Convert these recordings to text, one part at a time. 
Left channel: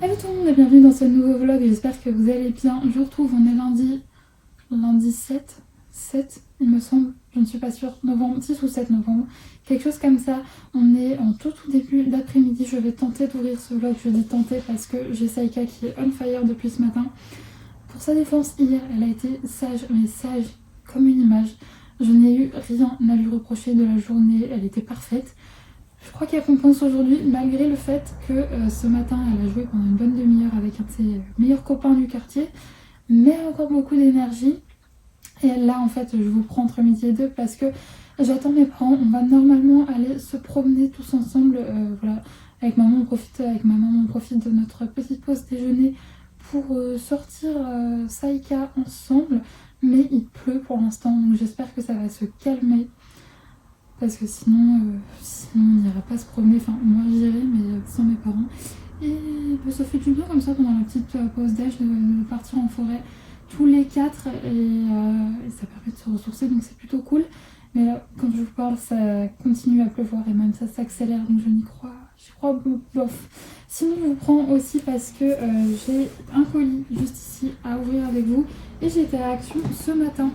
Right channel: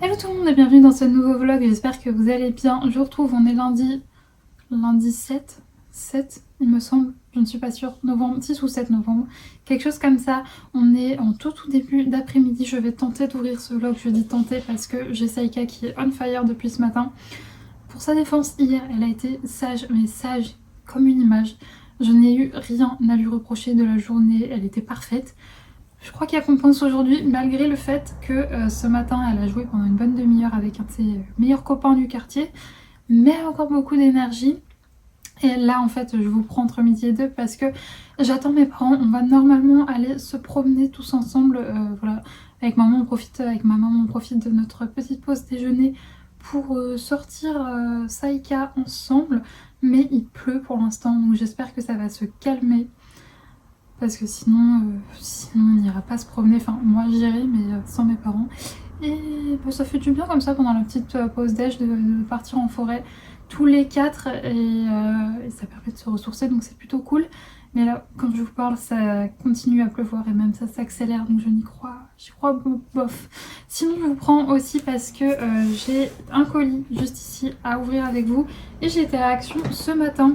Hello tout le monde et bienvenue dans ce nouveau vlog, j'espère que vous allez bien. Je vous retrouve, on est lundi 7 il me semble, je ne suis pas sûre, novembre, 6 ou 7 novembre, quelque chose comme ça. On est en tout début d'après-midi, je vais tenter d'ouvrir ce vlog, je dis tenter parce que j'ai Saïka qui est on fire depuis ce matin. Pour sa défense, hier elle a été sage, mais sage comme une image. Je n'ai eu rien à lui reprocher de la journée, elle était parfaite. Je crois qu'elle compense aujourd'hui, malgré le fait que ce matin, elle a joué pendant une bonne demi-heure avec un de ses meilleurs copains du quartier, mais elle a encore beaucoup d'énergie. Et là, en fait, je vous prends entre midi et deux parce que j'attends mes parents. On va normalement aller se promener tous ensemble. Voilà. Avec ma maman, on profite de notre petite pause déjeuner pour sortir Saïka ensemble. Mais il pleut pour l'instant, donc j'espère que ça va se calmer. Parce que sinon on n'ira pas se promener, enfin moi j'irai mais sans mes parents. Et bah, ça fait du bien comme ça pendant la petite pause déj de partir en forêt tous les quatre et ça permet de se ressourcer, donc c'est plutôt cool. Mais là quand je vous parle ça continue à pleuvoir et même ça s'accélère, donc j'y crois bof. Sinon je vous prends aussi parce que j'ai un colis juste ici à ouvrir avec vous et j'ai été à Action ce matin.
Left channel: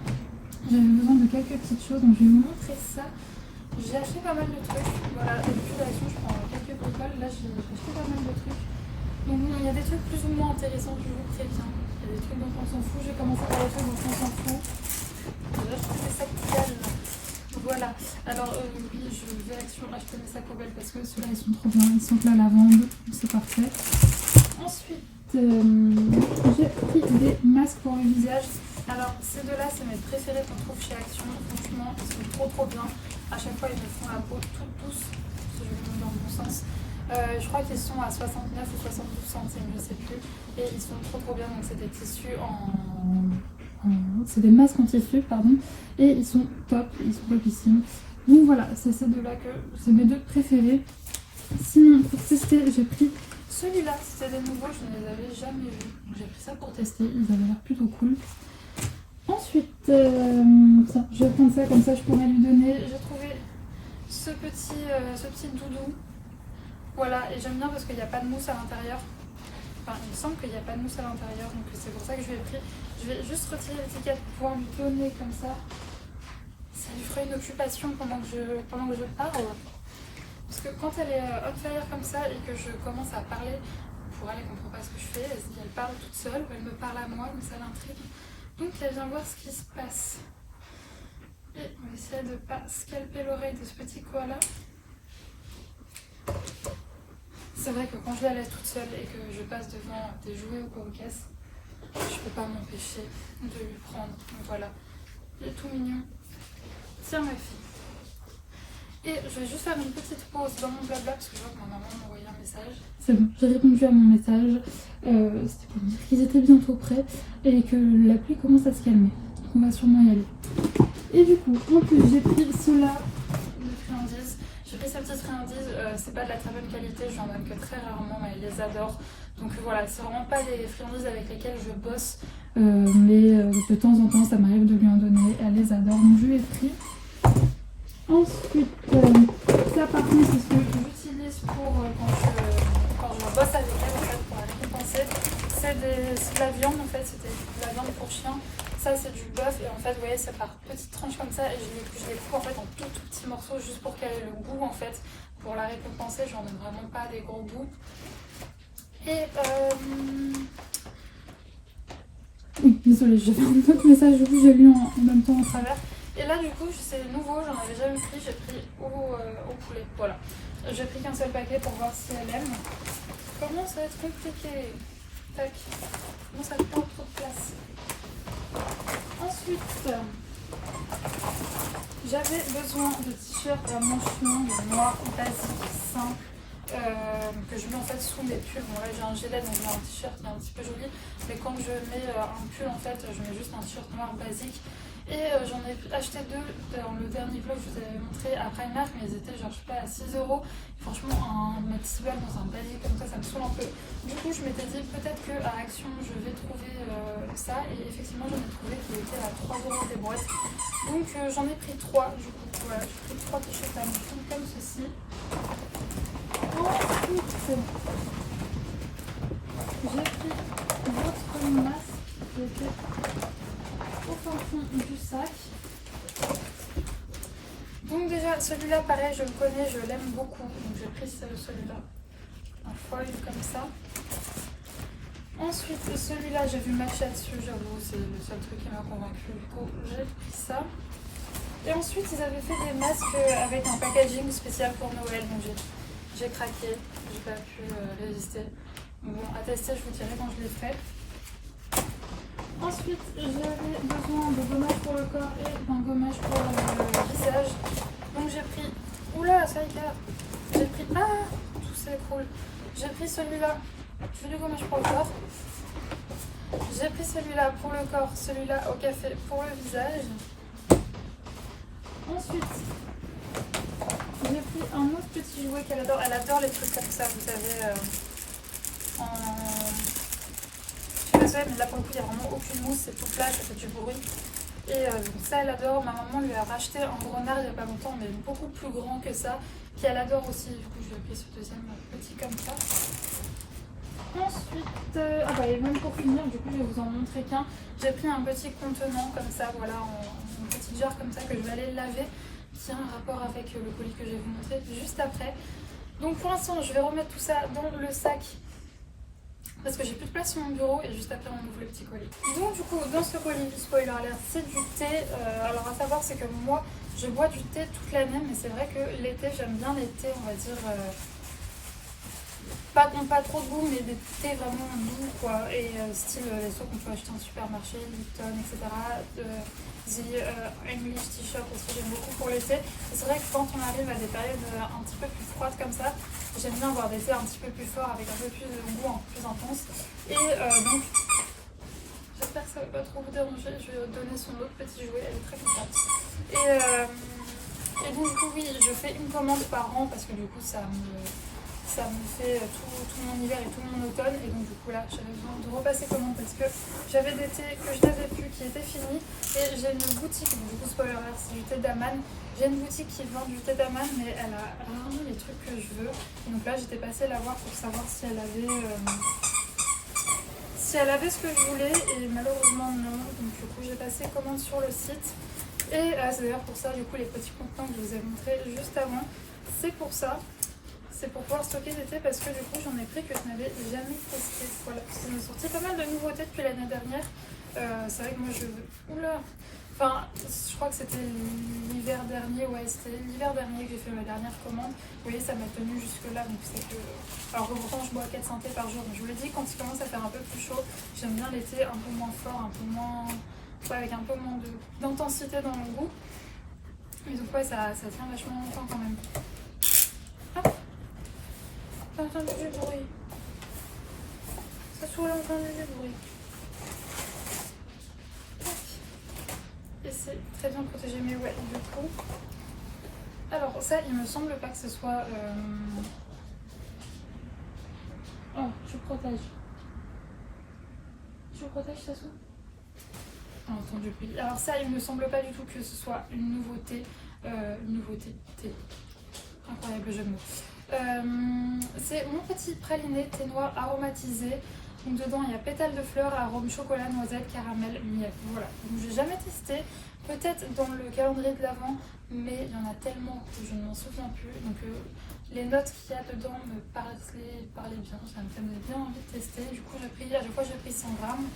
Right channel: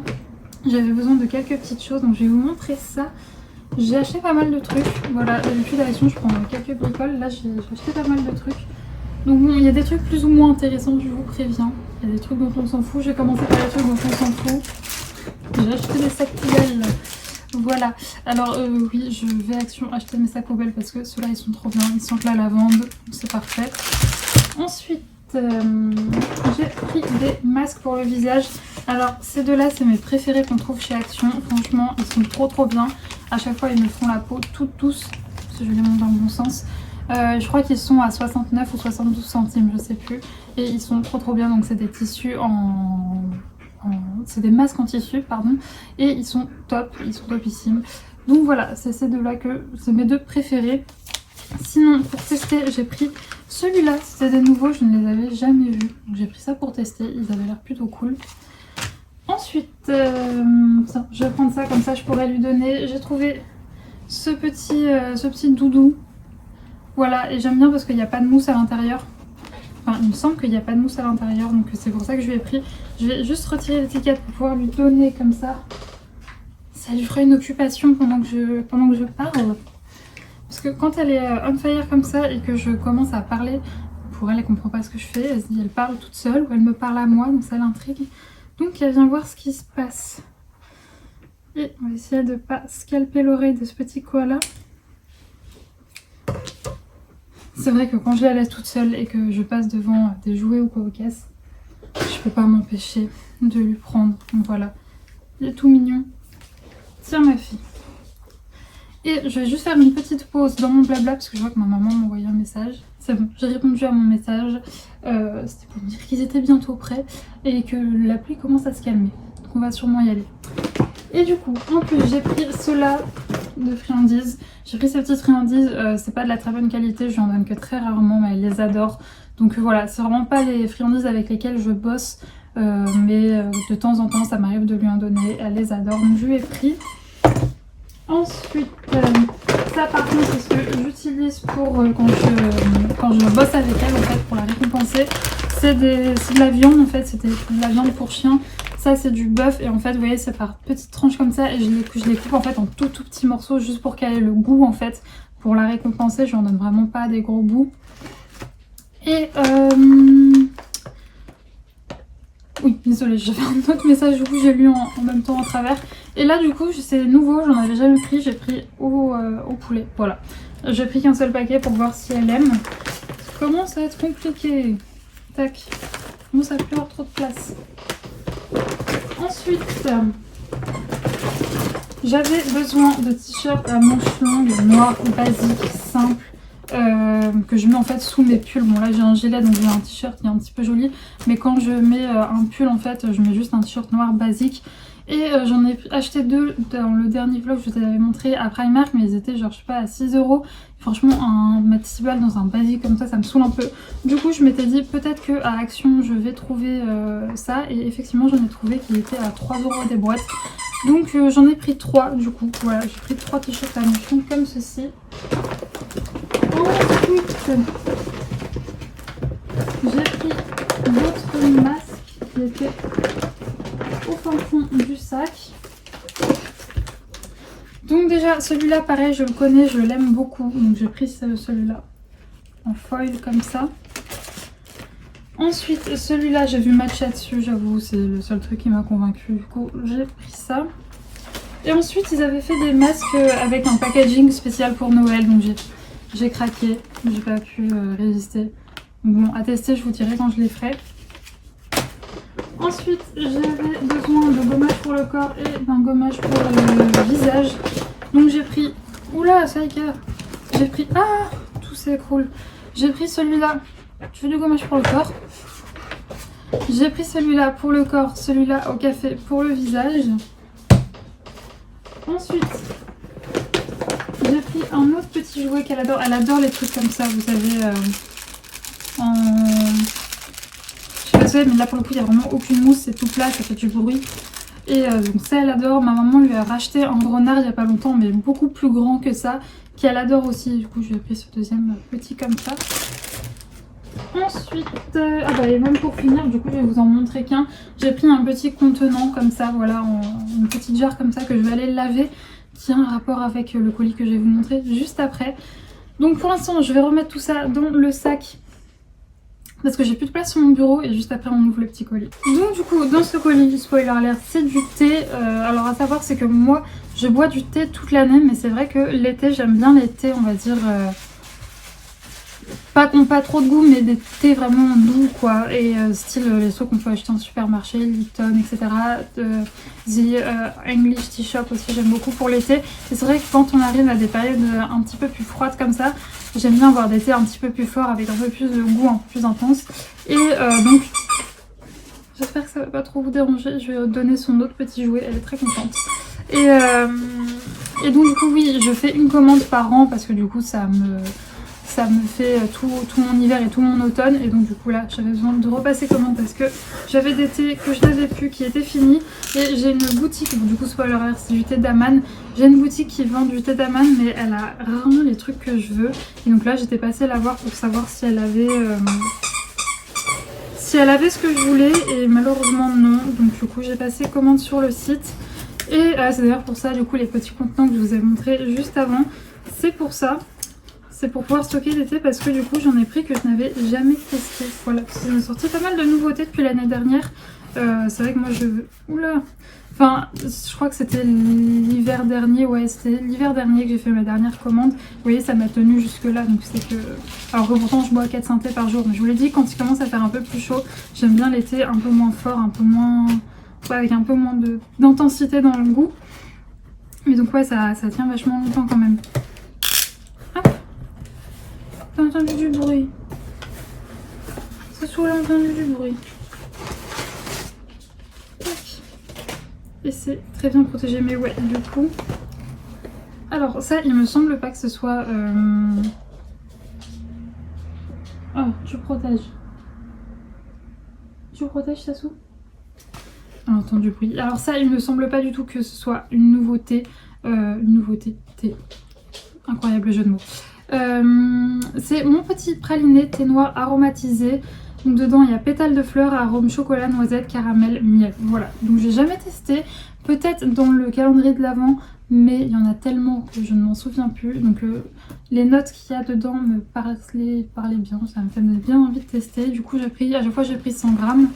J'avais besoin de quelques petites choses, donc je vais vous montrer ça. J'ai acheté pas mal de trucs, voilà, d'habitude à Action je prends quelques bricoles, là j'ai acheté pas mal de trucs. Donc bon, il y a des trucs plus ou moins intéressants, je vous préviens. Il y a des trucs dont on s'en fout, j'ai commencé par les trucs dont on s'en fout. J'ai acheté des sacs poubelles, voilà. Alors oui, je vais à Action acheter mes sacs poubelles parce que ceux-là ils sont trop bien, ils sentent la lavande, c'est parfait. Ensuite, j'ai pris des masques pour le visage. Alors ces deux-là c'est mes préférés qu'on trouve chez Action, franchement ils sont trop bien. À chaque fois ils me font la peau toute douce, si je les montre dans le bon sens. Je crois qu'ils sont à 69 ou 72 centimes, je sais plus. Et ils sont trop bien, donc c'est des tissus c'est des masques en tissu, pardon. Et ils sont top, ils sont topissimes. Donc voilà, c'est ces deux-là que c'est mes deux préférés. Sinon pour tester j'ai pris celui-là, c'était des nouveaux, je ne les avais jamais vus. Donc j'ai pris ça pour tester, ils avaient l'air plutôt cool. Ensuite, je vais prendre ça, comme ça je pourrais lui donner. J'ai trouvé ce petit doudou. Voilà, et j'aime bien parce qu'il n'y a pas de mousse à l'intérieur. Enfin, il me semble qu'il n'y a pas de mousse à l'intérieur, donc c'est pour ça que je lui ai pris. Je vais juste retirer l'étiquette pour pouvoir lui donner comme ça. Ça lui fera une occupation pendant que je parle. Parce que quand elle est on fire comme ça et que je commence à parler, pour elle, elle comprend pas ce que je fais. Elle se dit, elle parle toute seule ou elle me parle à moi, donc ça l'intrigue. Donc elle vient voir ce qui se passe. Et on va essayer de ne pas scalper l'oreille de ce petit koala. C'est vrai que quand je la laisse toute seule et que je passe devant des jouets ou quoi au casse, je peux pas m'empêcher de lui prendre. Donc voilà, il est tout mignon. Tiens ma fille. Et je vais juste faire une petite pause dans mon blabla parce que je vois que ma maman m'a envoyé un message. C'est bon, j'ai répondu à mon message. C'était pour me dire qu'ils étaient bientôt prêts et que la pluie commence à se calmer. Donc on va sûrement y aller. Et du coup, en plus j'ai pris ceux-là de friandises. J'ai pris ces petites friandises, c'est pas de la très bonne qualité, je lui en donne que très rarement, mais elle les adore. Donc voilà, c'est vraiment pas les friandises avec lesquelles je bosse, mais de temps en temps ça m'arrive de lui en donner, elle les adore, donc je lui ai pris. Ensuite, ça par contre c'est ce que j'utilise pour quand je bosse avec elle en fait pour la récompenser. C'est de la viande en fait, c'était de la viande pour chien. Ça c'est du bœuf et en fait vous voyez c'est par petites tranches comme ça et je les coupe en fait en tout petits morceaux juste pour qu'elle ait le goût en fait. Pour la récompenser, je n'en donne vraiment pas des gros bouts. Et oui, désolée, j'avais un autre message du coup j'ai lu en même temps en travers. Et là du coup c'est nouveau, j'en avais jamais pris, j'ai pris au poulet, voilà. J'ai pris qu'un seul paquet pour voir si elle aime. Comment ça va être compliqué. Tac, comment ça va plus avoir trop de place. Ensuite, j'avais besoin de t-shirts à manches longues, noirs, basiques, simples. Que je mets en fait sous mes pulls. Bon là j'ai un gilet donc j'ai un t-shirt qui est un petit peu joli, mais quand je mets un pull en fait je mets juste un t-shirt noir basique. Et j'en ai acheté deux dans le dernier vlog que je vous avais montré à Primark, mais ils étaient genre je sais pas à 6 €. Franchement mettre 6 balles dans un basique comme ça me saoule un peu. Du coup je m'étais dit peut-être que à Action je vais trouver ça, et effectivement j'en ai trouvé qui étaient à 3 € des boîtes. Donc j'en ai pris 3 du coup, voilà, j'ai pris 3 t-shirts à manches longues comme ceci. Ensuite, petit masque qui était au fin fond du sac. Donc déjà celui-là pareil je le connais, je l'aime beaucoup, donc j'ai pris celui-là en foil comme ça. Ensuite celui-là j'ai vu Matcha dessus, j'avoue c'est le seul truc qui m'a convaincu, du coup j'ai pris ça. Et ensuite ils avaient fait des masques avec un packaging spécial pour Noël, donc j'ai craqué, j'ai pas pu résister. Bon, à tester, je vous dirai quand je les ferai. Ensuite, j'avais besoin de gommage pour le corps et d'un gommage pour le visage. Donc j'ai pris... Oula, ça y est, j'ai pris... Ah, tout s'écroule. J'ai pris celui-là. Tu veux du gommage pour le corps? J'ai pris celui-là pour le corps, celui-là au café pour le visage. Ensuite, j'ai pris un autre petit jouet qu'elle adore. Elle adore les trucs comme ça, vous savez... Je sais pas si mais là pour le coup il n'y a vraiment aucune mousse, c'est tout plat, ça fait du bruit. Et donc ça elle adore, ma maman lui a racheté un renard il n'y a pas longtemps mais beaucoup plus grand que ça, qu'elle adore aussi, du coup je lui ai pris ce deuxième petit comme ça. Ensuite, ah bah et même pour finir, du coup je vais vous en montrer qu'un, j'ai pris un petit contenant comme ça, voilà, une petite jarre comme ça que je vais aller laver, qui a un rapport avec le colis que je vais vous montrer juste après. Donc pour l'instant je vais remettre tout ça dans le sac parce que j'ai plus de place sur mon bureau et juste après on ouvre le petit colis. Donc du coup dans ce colis, spoiler alert, c'est du thé. Alors à savoir c'est que moi je bois du thé toute l'année, mais c'est vrai que l'été j'aime bien les thés on va dire pas trop de goût mais des thés vraiment doux quoi, et style les seaux qu'on peut acheter en supermarché, Lipton etc. English Tea Shop aussi j'aime beaucoup pour l'été. Et c'est vrai que quand on arrive à des périodes un petit peu plus froides comme ça, j'aime bien avoir des thés un petit peu plus forts avec un peu plus de goût, un peu plus intense. Et donc j'espère que ça va pas trop vous déranger, je vais donner son autre petit jouet, elle est très contente. Et donc du coup oui, je fais une commande par an parce que du coup ça me fait tout mon hiver et tout mon automne. Et donc du coup là j'avais besoin de repasser commande parce que j'avais des thés que je n'avais plus qui étaient finis. Et j'ai une boutique, du coup spoiler alert, c'est du thé d'Aman. J'ai une boutique qui vend du thé d'Aman mais elle a rarement les trucs que je veux. Et donc là j'étais passée la voir pour savoir si elle avait ce que je voulais, et malheureusement non. Donc du coup j'ai passé commande sur le site. Et c'est d'ailleurs pour ça du coup les petits contenants que je vous ai montré juste avant, c'est pour ça. C'est pour pouvoir stocker des thés parce que du coup j'en ai pris que je n'avais jamais testé. Voilà, ils ont sorti pas mal de nouveautés depuis l'année dernière. C'est vrai que moi je... Oula. Enfin, je crois que c'était l'hiver dernier, ouais c'était l'hiver dernier que j'ai fait ma dernière commande. Vous voyez ça m'a tenu jusque là, donc c'est que... Alors que pourtant je bois 4 synthés par jour, mais je vous l'ai dit, quand il commence à faire un peu plus chaud, j'aime bien les thés un peu moins forts, un peu moins... Ouais, avec un peu moins d'intensité dans le goût. Mais donc ouais ça tient vachement longtemps quand même. J'ai entendu du bruit. Ça se a entendu du bruit. Et c'est très bien protégé. Mais ouais, du coup... Alors ça, il me semble pas que ce soit... Oh, tu protèges. Tu protèges, Sassou? On entend du bruit. Alors ça, il me semble pas du tout que ce soit une nouveauté. Une nouveauté. Thé. Incroyable jeu de mots. C'est mon petit praliné thé noir aromatisé. Donc dedans il y a pétales de fleurs, arôme chocolat, noisette, caramel, miel. Voilà, donc j'ai jamais testé. Peut-être dans le calendrier de l'Avent, mais il y en a tellement que je ne m'en souviens plus. Donc les notes qu'il y a dedans me parlaient bien, ça me fait bien envie de tester. Du coup à chaque fois j'ai pris 100 grammes,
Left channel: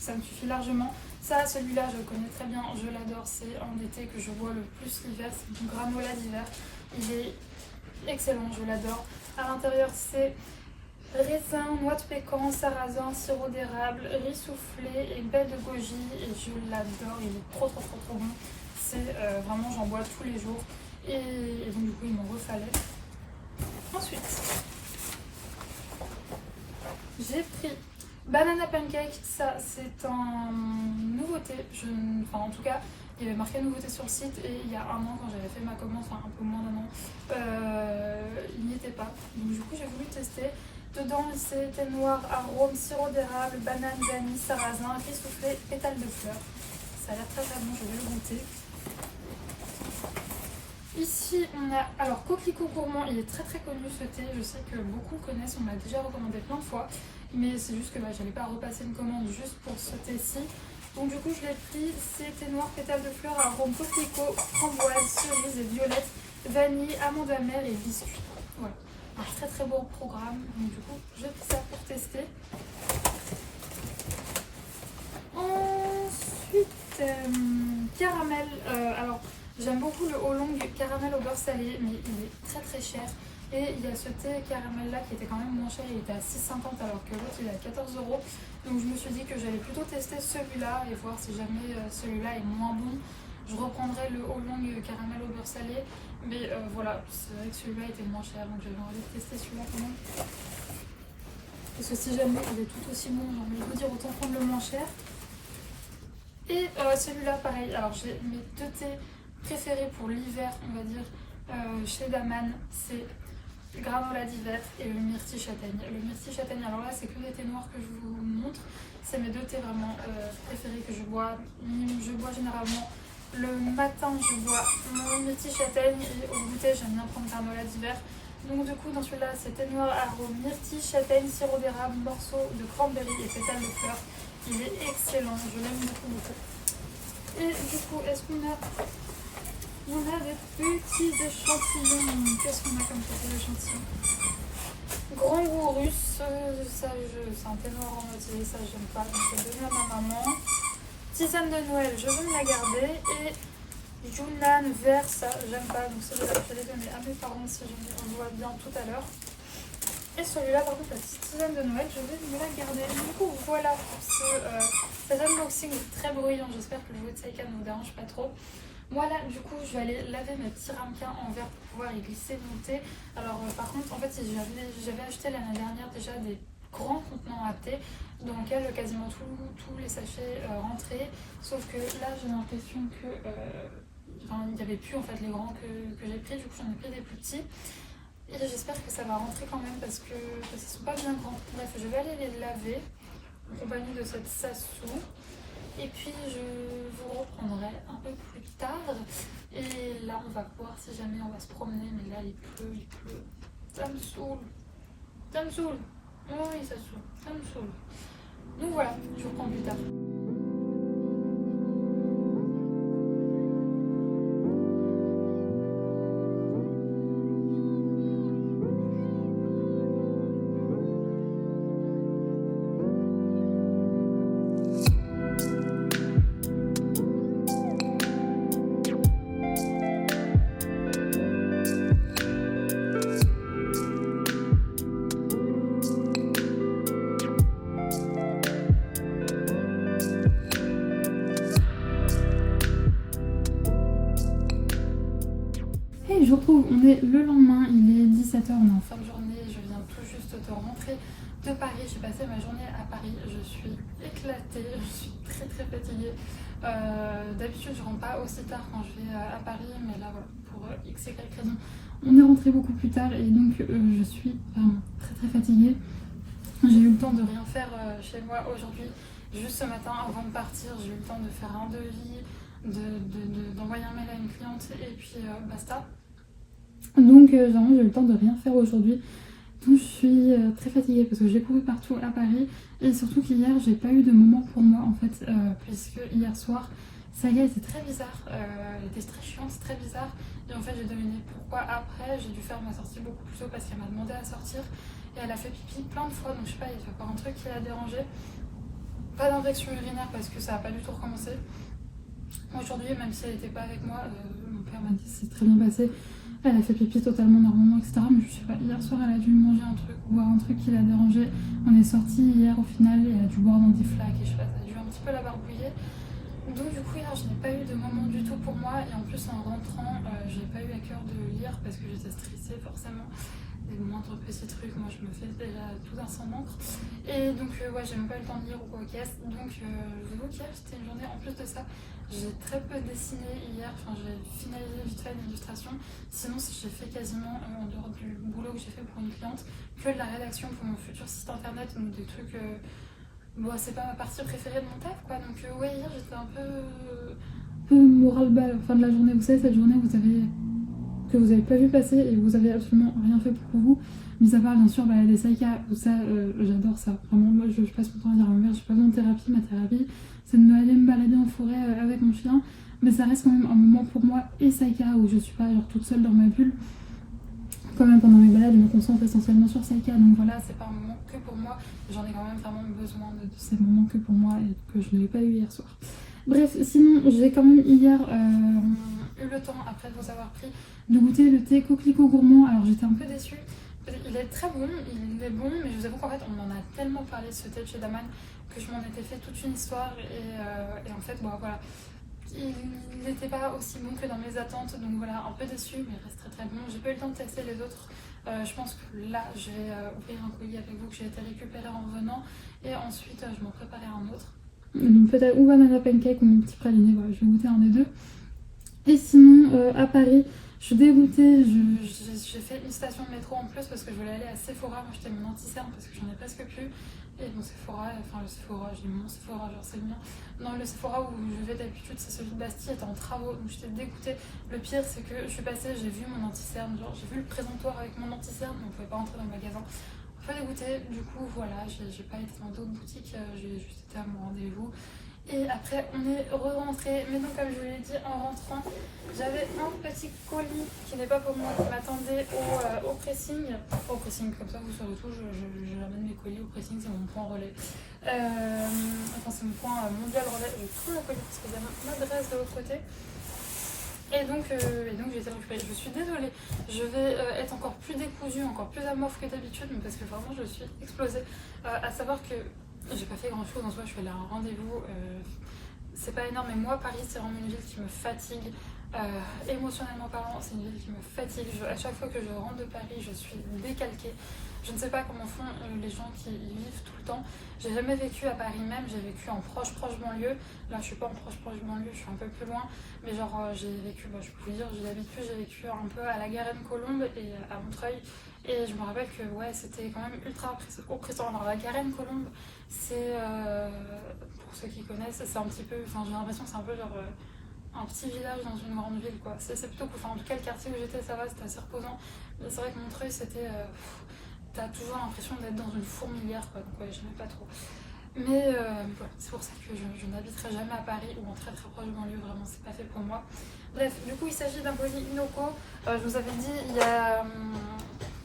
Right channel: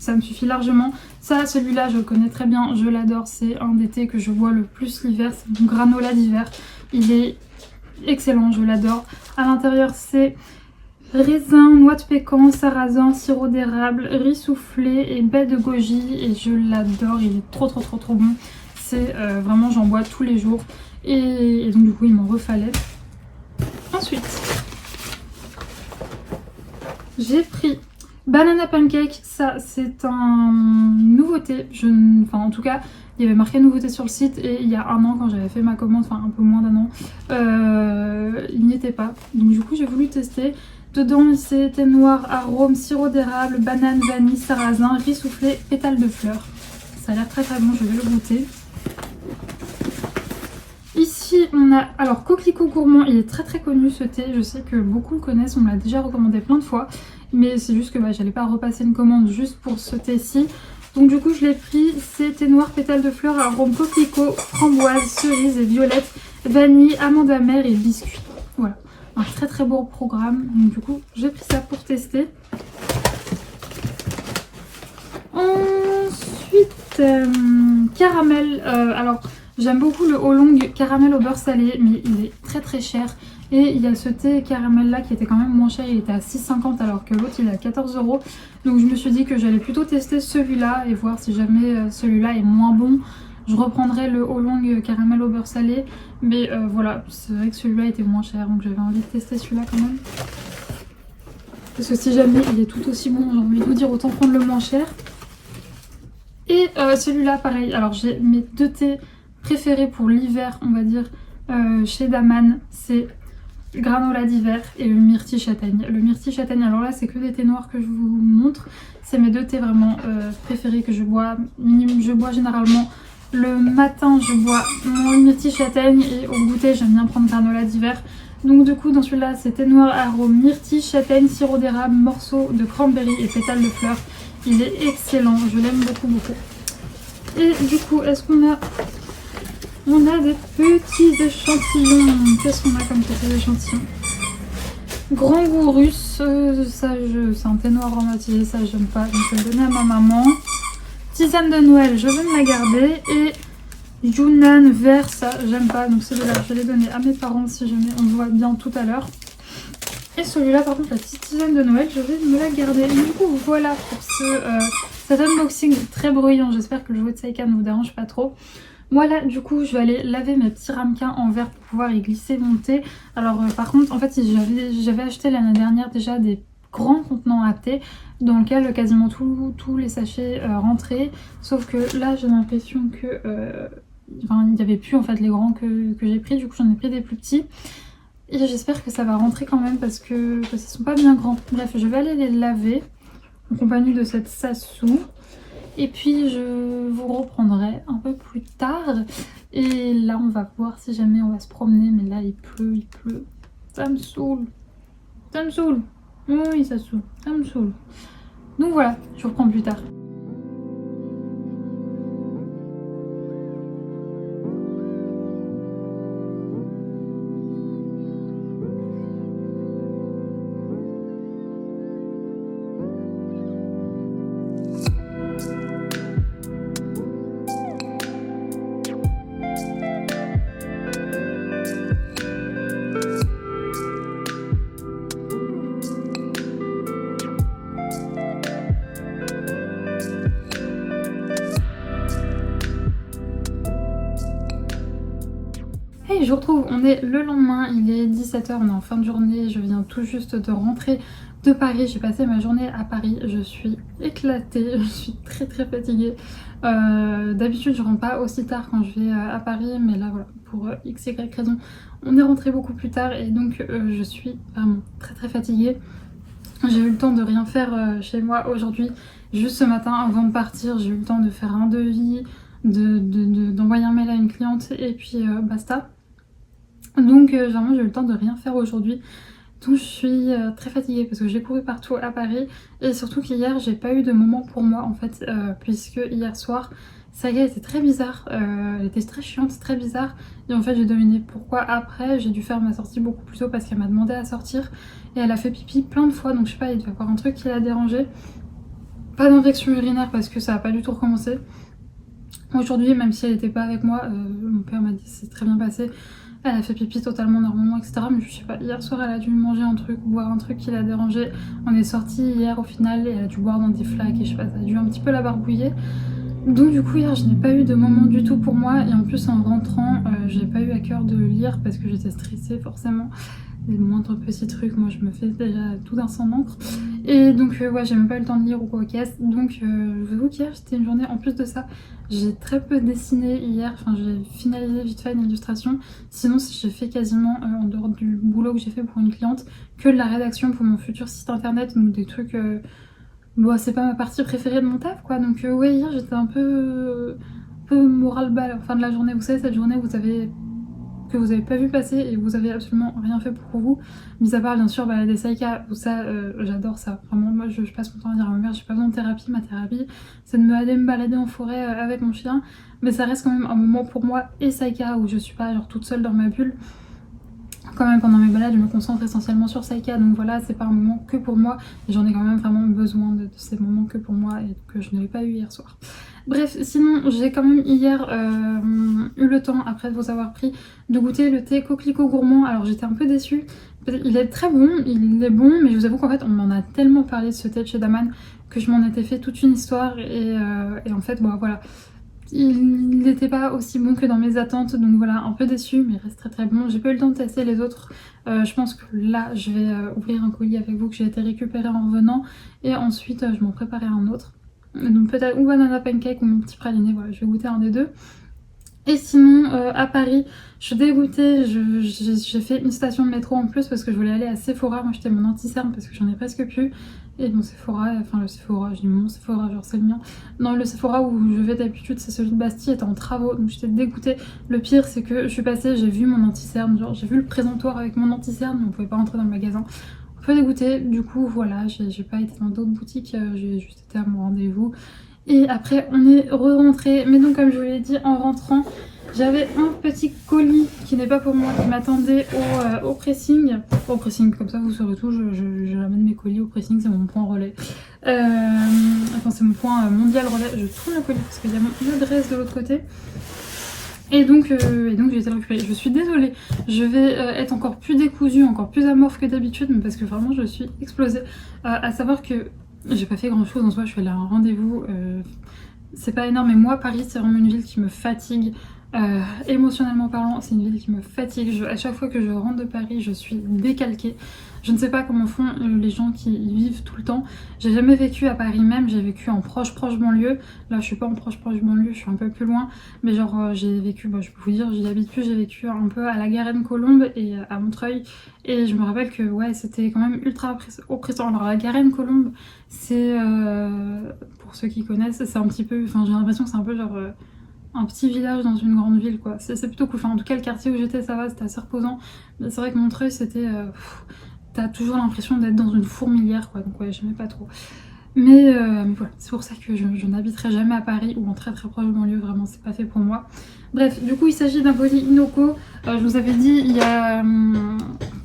ça me suffit largement. Ça, celui-là je le connais très bien, je l'adore, c'est un des thés que je bois le plus l'hiver, c'est mon granola d'hiver. Il est excellent, je l'adore. À l'intérieur c'est raisin, noix de pécan, sarrasin, sirop d'érable, riz soufflé et baie de goji, et je l'adore, il est trop bon. C'est vraiment, j'en bois tous les jours, et donc du coup il m'en refallait. Ensuite j'ai pris banana pancake, ça c'est un nouveauté, enfin en tout cas il y avait marqué nouveauté sur le site, et il y a un an quand j'avais fait ma commande, enfin un peu moins d'un an, il n'y était pas, donc du coup j'ai voulu tester. Dedans c'est thé noir, arôme, sirop d'érable, banane, vanille, sarrasin, riz soufflé, pétales de fleurs. Ça a l'air très bon, je vais le goûter. Ici on a, alors coquelicot gourmand, il est très connu ce thé, je sais que beaucoup le connaissent, on me l'a déjà recommandé plein de fois. mais c'est juste que j'allais pas repasser une commande juste pour ce thé-ci. Donc du coup je l'ai pris, c'est thé noir pétales de fleurs, arôme coquelicot, framboise, cerise et violette, vanille, amande amère et biscuit. Voilà, un très très beau programme. Donc du coup j'ai pris ça pour tester. Ensuite, caramel. Alors j'aime beaucoup le Oolong caramel au beurre salé, mais il est très très cher. Et il y a ce thé caramel là qui était quand même moins cher, il était à 6,50 alors que l'autre il est à 14 €. Donc je me suis dit que j'allais plutôt tester celui-là et voir si jamais celui-là est moins bon. Je reprendrai le Oolong caramel au beurre salé. Mais voilà, c'est vrai que celui-là était moins cher, donc j'avais envie de tester celui-là quand même. Parce que si jamais il est tout aussi bon, j'ai envie de vous dire autant prendre le moins cher. Et celui-là pareil, alors j'ai mes 2 thés préférés pour l'hiver on va dire chez Daman, c'est granola d'hiver et le myrtille châtaigne. Le myrtille châtaigne, alors là c'est que des thés noirs que je vous montre, c'est mes 2 thés vraiment préférés que je bois. Je bois généralement le matin, je bois mon myrtille châtaigne et au goûter j'aime bien prendre granola d'hiver. Donc du coup dans celui-là c'est thé noir arôme myrtille châtaigne, sirop d'érable, morceaux de cranberry et pétales de fleurs. Il est excellent, je l'aime beaucoup beaucoup. Et du coup est-ce qu'on a... On a des petits échantillons. Qu'est-ce qu'on a comme petits échantillons? Grand goût russe, ça c'est un thé noir aromatisé, ça j'aime pas, donc je vais le donner à ma maman. Tisane de Noël, je vais me la garder. Et Yunnan vert, ça j'aime pas, donc celui-là je vais les donner à mes parents si jamais on le voit bien tout à l'heure. Et celui-là par contre, la petite tisane de Noël, je vais me la garder. Et du coup voilà pour cet unboxing très bruyant, j'espère que le jouet de Saika ne vous dérange pas trop. Voilà, du coup je vais aller laver mes petits ramequins en verre pour pouvoir y glisser mon thé. Alors par contre en fait j'avais acheté l'année dernière déjà des grands contenants à thé dans lesquels quasiment tous les sachets rentraient. Sauf que là j'ai l'impression que il n'y avait plus en fait les grands que j'ai pris, du coup j'en ai pris des plus petits. Et j'espère que ça va rentrer quand même parce que ne sont pas bien grands. Bref, je vais aller les laver en compagnie de cette Sassou. Et puis je vous reprendrai un peu plus tard. Et là on va voir si jamais on va se promener. Mais là il pleut. Ça me saoule. Ça me saoule. Oui ça saoule. Ça me saoule. Donc voilà, je vous reprends plus tard. Et je vous retrouve, on est le lendemain, il est 17 h, on est en fin de journée, je viens tout juste de rentrer de Paris, j'ai passé ma journée à Paris, je suis éclatée, je suis très fatiguée. D'habitude je rentre pas aussi tard quand je vais à Paris, mais là voilà, pour x, y raison, on est rentré beaucoup plus tard et donc je suis vraiment très fatiguée. J'ai eu le temps de rien faire chez moi aujourd'hui, juste ce matin avant de partir, j'ai eu le temps de faire un devis, d'envoyer un mail à une cliente et puis basta. Donc vraiment j'ai eu le temps de rien faire aujourd'hui. Donc je suis très fatiguée parce que j'ai couru partout à Paris. Et surtout qu'hier j'ai pas eu de moment pour moi en fait. Puisque hier soir, Saga était très bizarre. Elle était très chiante, très bizarre. Et en fait j'ai deviné pourquoi après. J'ai dû faire ma sortie beaucoup plus tôt parce qu'elle m'a demandé à sortir. Et elle a fait pipi plein de fois. Donc je sais pas, il devait y avoir un truc qui l'a dérangée. Pas d'infection urinaire parce que ça a pas du tout recommencé. Aujourd'hui, même si elle n'était pas avec moi, mon père m'a dit que c'est très bien passé. Elle a fait pipi totalement normalement, etc. Mais je sais pas, hier soir elle a dû manger un truc ou boire un truc qui l'a dérangé. On est sorti hier au final et elle a dû boire dans des flaques et je sais pas, ça a dû un petit peu la barbouiller. Donc du coup hier je n'ai pas eu de moment du tout pour moi et en plus en rentrant j'ai pas eu à cœur de lire parce que j'étais stressée forcément. Les moindres petits trucs, moi je me fais déjà tout d'un sang d'encre. Et donc ouais, j'ai même pas eu le temps de lire ou quoi caisse. Donc je vous avoue qu'hier c'était une journée en plus de ça. J'ai très peu dessiné hier, enfin j'ai finalisé vite fait une illustration. Sinon j'ai fait quasiment, en dehors du boulot que j'ai fait pour une cliente, que de la rédaction pour mon futur site internet. Donc des trucs, bon c'est pas ma partie préférée de mon taf quoi. Donc ouais hier j'étais un peu moral bas à la fin de la journée. Vous savez cette journée où vous avez que vous n'avez pas vu passer et vous avez absolument rien fait pour vous. Mis à part bien sûr des Saïka, où ça j'adore ça. Vraiment moi je passe mon temps à dire à ma mère j'ai pas besoin de thérapie, ma thérapie c'est de aller me balader en forêt avec mon chien. Mais ça reste quand même un moment pour moi et Saïka où je suis pas genre toute seule dans ma bulle. Quand même pendant mes balades je me concentre essentiellement sur Saïka, donc voilà c'est pas un moment que pour moi. J'en ai quand même vraiment besoin de ces moments que pour moi et que je n'avais pas eu hier soir. Bref, sinon j'ai quand même hier eu le temps, après de vous avoir pris, de goûter le thé coquelicot gourmand. Alors j'étais un peu déçue, il est très bon, il est bon, mais je vous avoue qu'en fait on en a tellement parlé de ce thé de chez Daman que je m'en étais fait toute une histoire et en fait bon voilà. Il n'était pas aussi bon que dans mes attentes, donc voilà, un peu déçue, mais il reste très très bon. J'ai pas eu le temps de tester les autres. Je pense que là, je vais ouvrir un colis avec vous que j'ai été récupérer en revenant. Et ensuite, je m'en préparerai un autre. Donc peut-être ou banana pancake ou mon petit praliné, voilà, je vais goûter un des deux. Et sinon, à Paris, je suis dégoûtée, j'ai fait une station de métro en plus parce que je voulais aller à Sephora. Moi, j'étais mon anti-cerne parce que j'en ai presque plus. Et mon Sephora, enfin le Sephora, je dis mon Sephora, genre c'est le mien. Non, le Sephora où je vais d'habitude, c'est celui de Bastille, était en travaux, donc j'étais dégoûtée. Le pire, c'est que je suis passée, j'ai vu mon anti-cerne, genre j'ai vu le présentoir avec mon anti-cerne, mais on pouvait pas rentrer dans le magasin. Un peu dégoûtée, du coup, voilà, j'ai pas été dans d'autres boutiques, j'ai juste été à mon rendez-vous. Et après, on est re-rentré. Mais donc, comme je vous l'ai dit, en rentrant, j'avais un petit colis qui n'est pas pour moi, qui m'attendait au pressing. Au pressing, comme ça vous saurez tout, je ramène mes colis au pressing, c'est mon point relais. Enfin, c'est mon point mondial relais. Je tourne le colis parce qu'il y a mon adresse de l'autre côté. Et donc j'ai été le récupérer. Je suis désolée, je vais être encore plus décousue, encore plus amorphe que d'habitude, mais parce que vraiment je suis explosée. À savoir que j'ai pas fait grand chose en soi, je suis allée à un rendez-vous. C'est pas énorme, mais moi, Paris, c'est vraiment une ville qui me fatigue. Émotionnellement parlant, c'est une ville qui me fatigue. À chaque fois que je rentre de Paris, je suis décalquée. Je ne sais pas comment font les gens qui y vivent tout le temps. J'ai jamais vécu à Paris même, j'ai vécu en proche banlieue. Là, je suis pas en proche banlieue, je suis un peu plus loin. Mais genre, j'ai vécu, je peux vous dire, j'y habite plus, j'ai vécu un peu à la Garenne-Colombe et à Montreuil. Et je me rappelle que ouais, c'était quand même ultra oppressant. Alors la Garenne-Colombe, c'est, pour ceux qui connaissent, c'est un petit peu, enfin j'ai l'impression que c'est un peu genre un petit village dans une grande ville quoi. C'est plutôt cool. Enfin en tout cas le quartier où j'étais ça va, c'était assez reposant. Mais c'est vrai que Montreuil c'était... t'as toujours l'impression d'être dans une fourmilière quoi. Donc ouais, j'aimais pas trop. Mais voilà, c'est pour ça que je n'habiterai jamais à Paris ou en très très proche de banlieue, vraiment c'est pas fait pour moi. Bref, du coup il s'agit d'un colis Inoko. Je vous avais dit il y a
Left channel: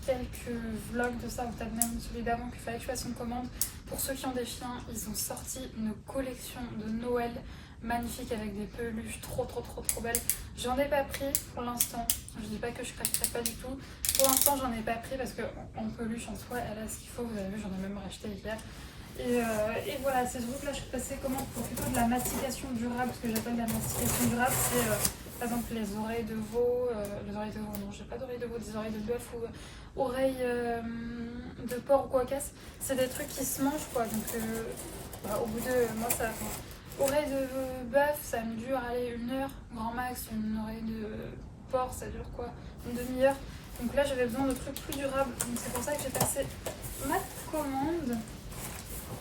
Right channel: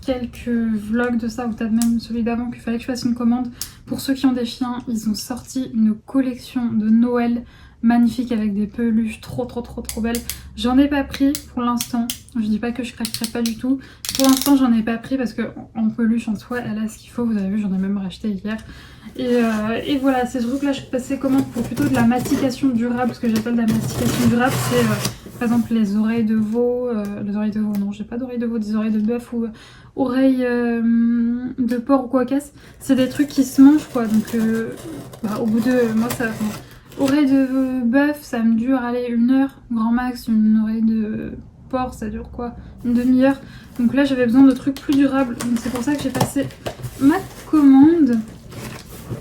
quelques vlogs de ça, ou peut-être même celui d'avant, qu'il fallait que je fasse une commande. Pour ceux qui ont des chiens, ils ont sorti une collection de Noël magnifique avec des peluches trop belles. J'en ai pas pris pour l'instant, je dis pas que je craquerai pas du tout. Pour l'instant j'en ai pas pris parce que en peluche en soi elle a ce qu'il faut, vous avez vu j'en ai même racheté hier. Et voilà, c'est surtout que là je passais commande pour plutôt de la mastication durable. Ce que j'appelle de la mastication durable, c'est par exemple les oreilles de veau, les oreilles de veau, non j'ai pas d'oreilles de veau, des oreilles de bœuf ou oreilles de porc ou quoi qu'est-ce. C'est des trucs qui se mangent quoi, donc au bout de, moi ça... Oreille de bœuf, ça me dure, allez, 1 heure, grand max. Une oreille de porc, ça dure quoi, une demi-heure. Donc là, j'avais besoin de trucs plus durables. Donc c'est pour ça que j'ai passé ma commande.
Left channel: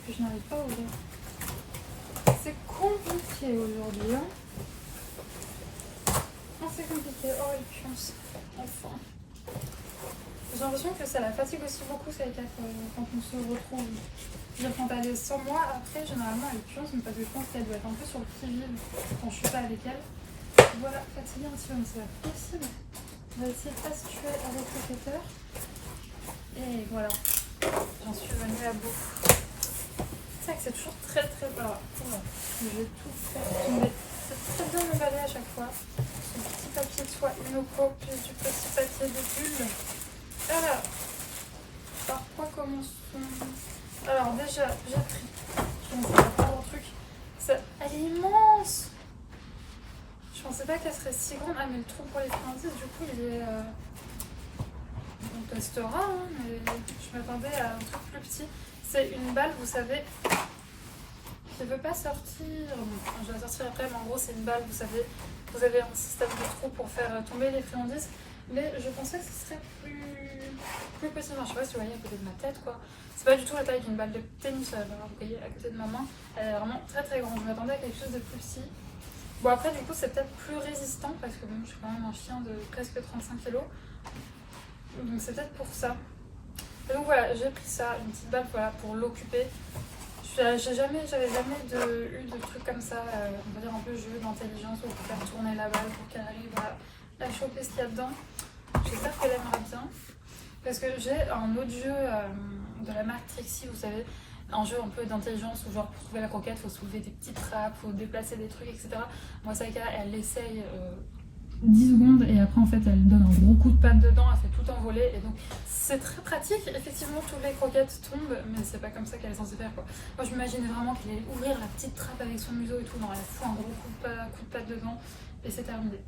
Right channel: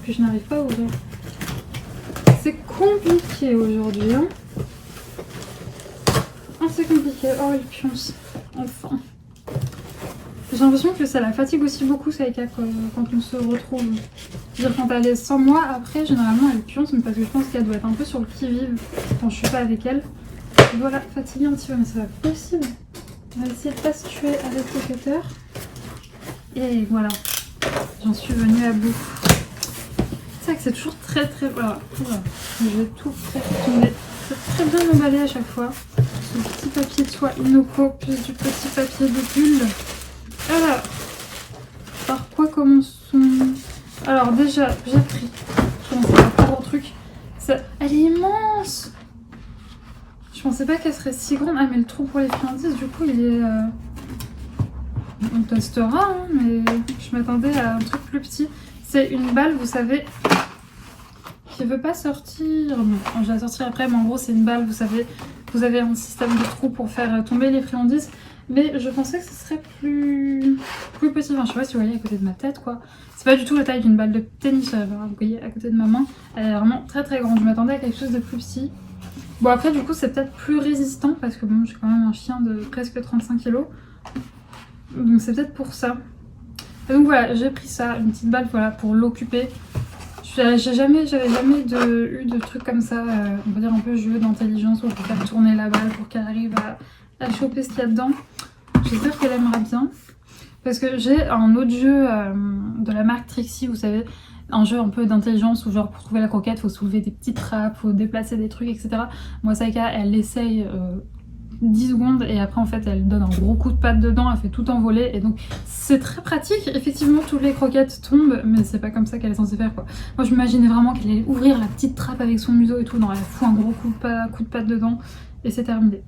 Que je n'arrive pas à ouvrir. C'est compliqué aujourd'hui, hein. Oh, c'est compliqué. Oh, il pionce. Enfin. J'ai l'impression que ça la fatigue aussi beaucoup, Saïka, quand on se retrouve. Je veux dire, quand elle est sans moi, après, généralement, elle pionce, mais parce que je pense qu'elle doit être un peu sur le qui-vive quand je suis pas avec elle. Et voilà, fatiguée un petit peu, mais c'est pas possible. On va essayer de pas se tuer avec le cutter. Et voilà, j'en suis venue à bout. C'est vrai que c'est toujours très... Voilà, je vais tout faire tomber. C'est très bien emballé à chaque fois. Le petit papier de soie Inoko, plus du petit papier de bulle. Alors, par quoi commençons? Alors déjà, j'ai pris, je commence par un gros truc. Elle est immense. Je pensais pas qu'elle serait si grande. Ah mais le trou pour les friandises, du coup il est... On testera, hein, mais je m'attendais à un truc plus petit. C'est une balle, vous savez, qui veut pas sortir. Bon, je vais la sortir après, mais en gros c'est une balle, vous savez. Vous avez un système de trou pour faire tomber les friandises. Mais je pensais que ce serait plus petit. Enfin, je sais pas si vous voyez à côté de ma tête, quoi. C'est pas du tout la taille d'une balle de tennis, vous voyez, à côté de ma main. Elle est vraiment très grande. Je m'attendais à quelque chose de plus petit. Bon après du coup c'est peut-être plus résistant parce que bon j'ai quand même un chien de presque 35 kilos. Donc c'est peut-être pour ça. Et donc voilà, j'ai pris ça, une petite balle voilà, pour l'occuper. J'avais jamais eu de trucs comme ça, on va dire un peu jeu d'intelligence où on peut faire tourner la balle pour qu'elle arrive à choper ce qu'il y a dedans. J'espère qu'elle aimera bien. Parce que j'ai un autre jeu de la marque Trixie, vous savez, un jeu un peu d'intelligence où genre pour trouver la croquette, faut soulever des petites trappes, faut déplacer des trucs, etc. Moi Saika, elle essaye 10 secondes et après en fait elle donne un gros coup de patte dedans, elle fait tout envoler et donc c'est très pratique. Effectivement toutes les croquettes tombent mais c'est pas comme ça qu'elle est censée faire quoi. Moi je m'imaginais vraiment qu'elle allait ouvrir la petite trappe avec son museau et tout, non elle fout un gros coup de patte dedans et c'est terminé.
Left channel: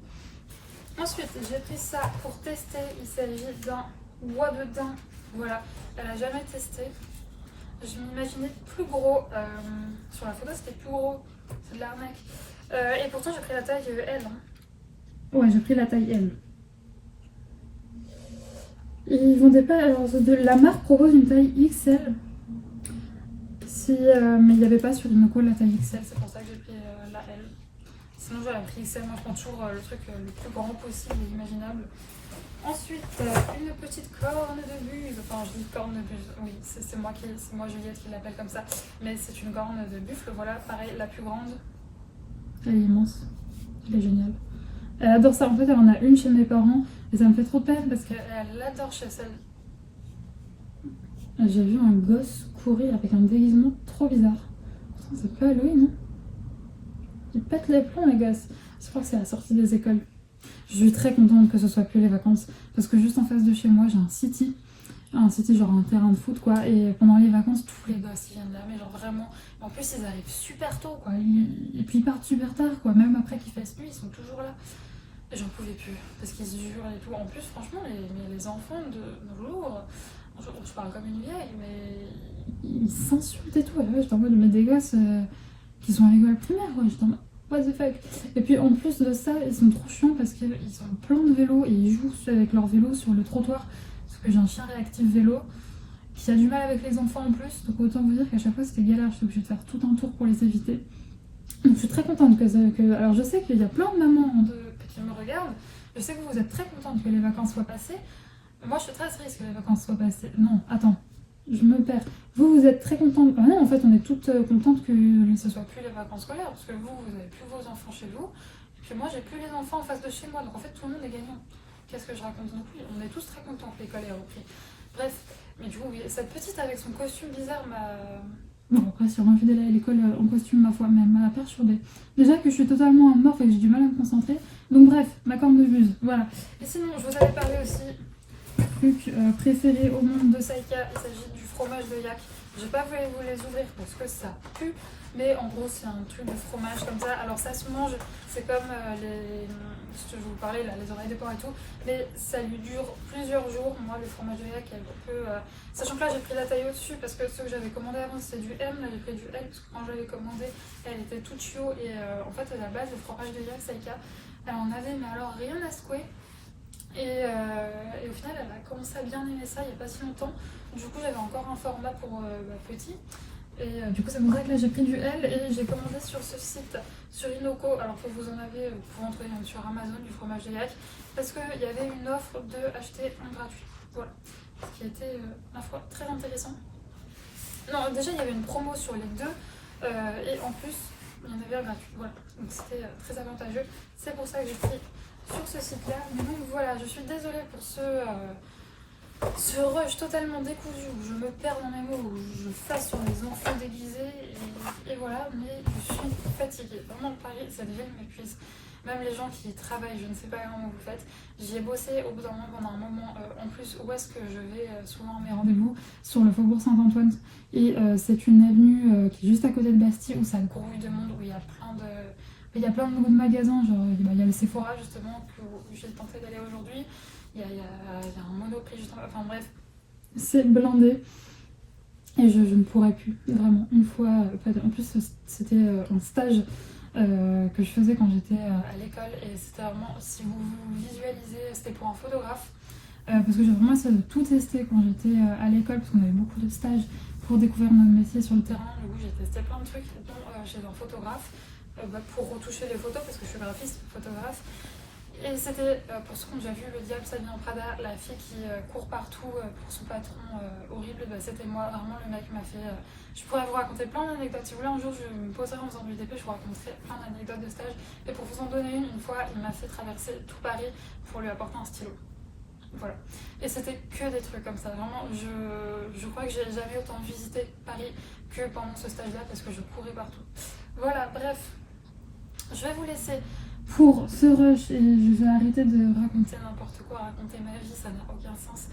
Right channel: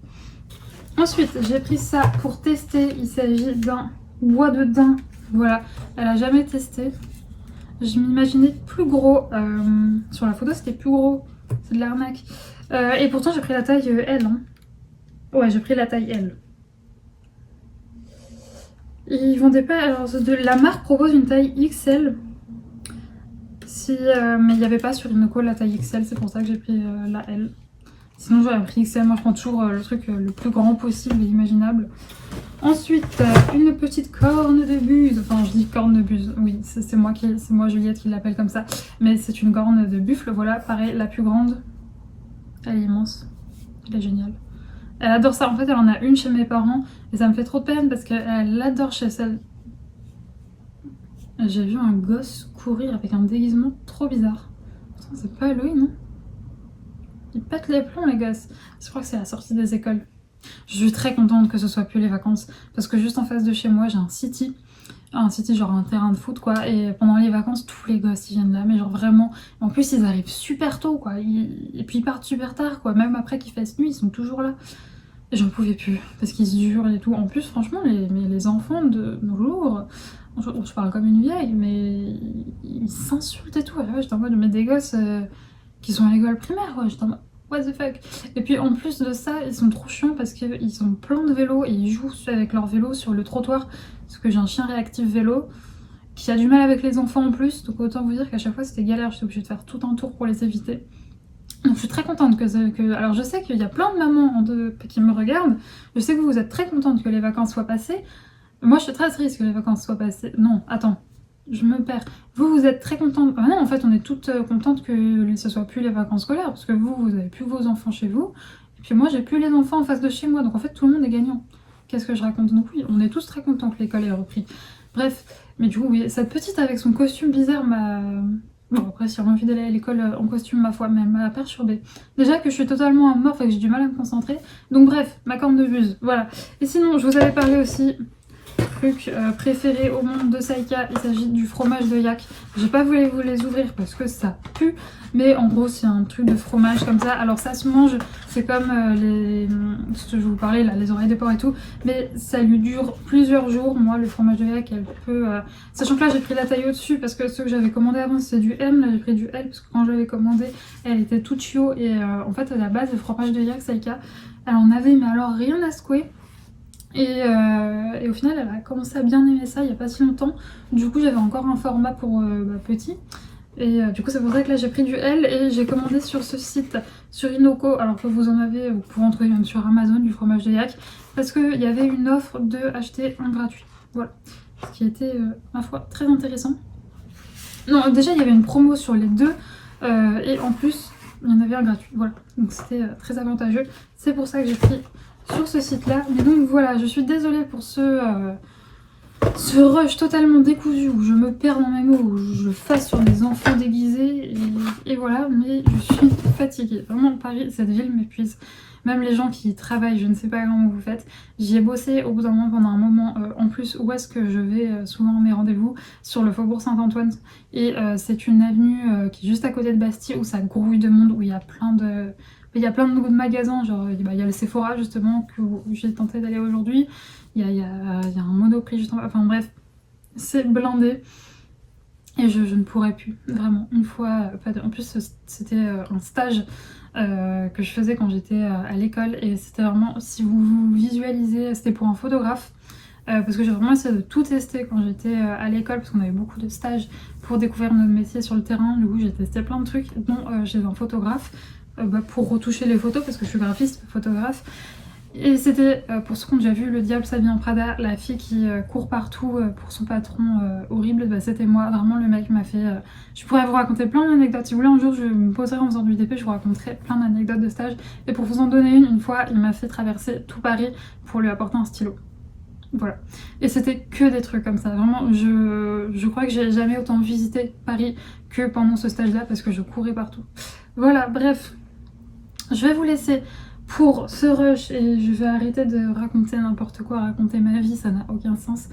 Ensuite j'ai pris ça pour tester, il s'agit d'un bois de daim, voilà, elle a jamais testé. Je m'imaginais plus gros, sur la photo c'était plus gros, c'est de l'arnaque. Et pourtant j'ai pris la taille L hein. Ouais, j'ai pris la taille L. Ils vendaient pas. Alors, la marque propose une taille XL. Mais il n'y avait pas sur Inoko la taille XL, c'est pour ça que j'ai pris la L. Sinon, j'aurais pris XL. Moi, je prends toujours le truc le plus grand possible et imaginable. Ensuite, une petite corne de buse. Enfin, je dis corne de buse. Oui, c'est moi, Juliette, qui l'appelle comme ça. Mais c'est une corne de buffle. Voilà, pareil, la plus grande. Elle est immense. Elle est géniale. Elle adore ça, en fait elle en a une chez mes parents et ça me fait trop de peine parce qu'elle l'adore chez celle. J'ai vu un gosse courir avec un déguisement trop bizarre. Putain, c'est pas Halloween non? Ils pètent les plombs les gosses. Je crois que c'est la sortie des écoles. Je suis très contente que ce soit plus les vacances parce que juste en face de chez moi j'ai un city genre un terrain de foot quoi, et pendant les vacances tous les gosses ils viennent là mais genre vraiment, en plus ils arrivent super tôt quoi, et puis ils partent super tard quoi, même après qu'il fasse nuit ils sont toujours là. Et j'en pouvais plus parce qu'ils se hurlent et tout. En plus franchement les enfants de nos jours, je parle comme une vieille mais ils s'insultent et tout. Et ouais, j'étais en mode mais des gosses qui sont à l'école primaire quoi, j'étais en mode what the fuck. Et puis en plus de ça ils sont trop chiants parce qu'ils ont plein de vélos et ils jouent avec leur vélo sur le trottoir. Parce que j'ai un chien réactif vélo qui a du mal avec les enfants en plus, donc autant vous dire qu'à chaque fois c'était galère, j'étais obligée de faire tout un tour pour les éviter. Donc je suis très contente que... Alors je sais qu'il y a plein de mamans qui me regardent, je sais que vous êtes très contente que les vacances soient passées. Moi je suis très triste que les vacances soient passées. Non, attends, je me perds. Vous êtes très contente... Ah non, en fait on est toutes contentes que ce soit plus les vacances scolaires, parce que vous avez plus vos enfants chez vous, et puis moi j'ai plus les enfants en face de chez moi, donc en fait tout le monde est gagnant. Qu'est-ce que je raconte? Donc oui, on est tous très contents que l'école ait repris. Bref, mais du coup, oui, cette petite avec son costume bizarre m'a... Bon, après, si j'ai envie d'aller à l'école en costume, ma foi, mais elle m'a perturbée. Déjà que je suis totalement amorphe et que j'ai du mal à me concentrer. Donc bref, ma corne de buse, voilà. Et sinon, je vous avais parlé aussi truc préféré au monde de Saika, il s'agit du fromage de yak. J'ai pas voulu vous les ouvrir parce que ça pue, mais en gros c'est un truc de fromage comme ça. Alors ça se mange, c'est comme ce que je vous parlais là, les oreilles de porc et tout, mais ça lui dure plusieurs jours. Moi le fromage de yak, elle peut... Sachant que là j'ai pris la taille au-dessus parce que ceux que j'avais commandé avant c'était du M, là j'ai pris du L parce que quand je l'avais commandé elle était toute chio et en fait à la base le fromage de yak Saika, elle en avait mais alors rien à secouer. Et au final, elle a commencé à bien aimer ça il n'y a pas si longtemps. Du coup, j'avais encore un format pour petit. Et du coup, c'est pour ça que là, j'ai pris du L et j'ai commandé sur ce site, sur Inoko. Alors que vous pouvez en trouver même sur Amazon, du fromage de yak. Parce qu'il y avait une offre de acheter un gratuit. Voilà. Ce qui était, ma foi, très intéressant. Non, déjà, il y avait une promo sur les deux. Et en plus, il y en avait un gratuit. Voilà. Donc c'était très avantageux. C'est pour ça que j'ai pris sur ce site là, mais donc voilà, je suis désolée pour ce rush totalement décousu où je me perds dans mes mots, où je fasse sur des enfants déguisés et voilà, mais je suis fatiguée, vraiment Paris, cette ville m'épuise. Même les gens qui travaillent, je ne sais pas comment vous faites, j'y ai bossé au bout d'un moment pendant un moment. En plus, où est-ce que je vais souvent à mes rendez-vous? Sur le faubourg Saint-Antoine, et c'est une avenue qui est juste à côté de Bastille où ça grouille de monde, où il y a plein de magasins, genre il y a le Sephora justement où j'ai tenté d'aller aujourd'hui, il y a un Monoprix juste en bas, enfin bref, c'est blindé et je ne pourrais plus, vraiment, une fois, en plus c'était un stage que je faisais quand j'étais à l'école et c'était vraiment, si vous visualisez, c'était pour un photographe. Parce que j'ai vraiment essayé de tout tester quand j'étais à l'école parce qu'on avait beaucoup de stages pour découvrir notre métier sur le terrain. Du coup j'ai testé plein de trucs dont chez un photographe pour retoucher les photos parce que je suis graphiste, photographe. Et c'était, pour ceux qui ont déjà vu Le Diable s'habille en Prada, la fille qui court partout pour son patron horrible, c'était moi. Vraiment, le mec m'a fait... Je pourrais vous raconter plein d'anecdotes. Si vous voulez, un jour, je me poserai en faisant du DP, je vous raconterai plein d'anecdotes de stage. Et pour vous en donner une fois, il m'a fait traverser tout Paris pour lui apporter un stylo. Voilà. Et c'était que des trucs comme ça. Vraiment, je crois que j'ai jamais autant visité Paris que pendant ce stage-là parce que je courais partout. Voilà, bref. Je vais vous laisser pour ce rush et je vais arrêter de raconter n'importe quoi, raconter ma vie, ça n'a aucun sens.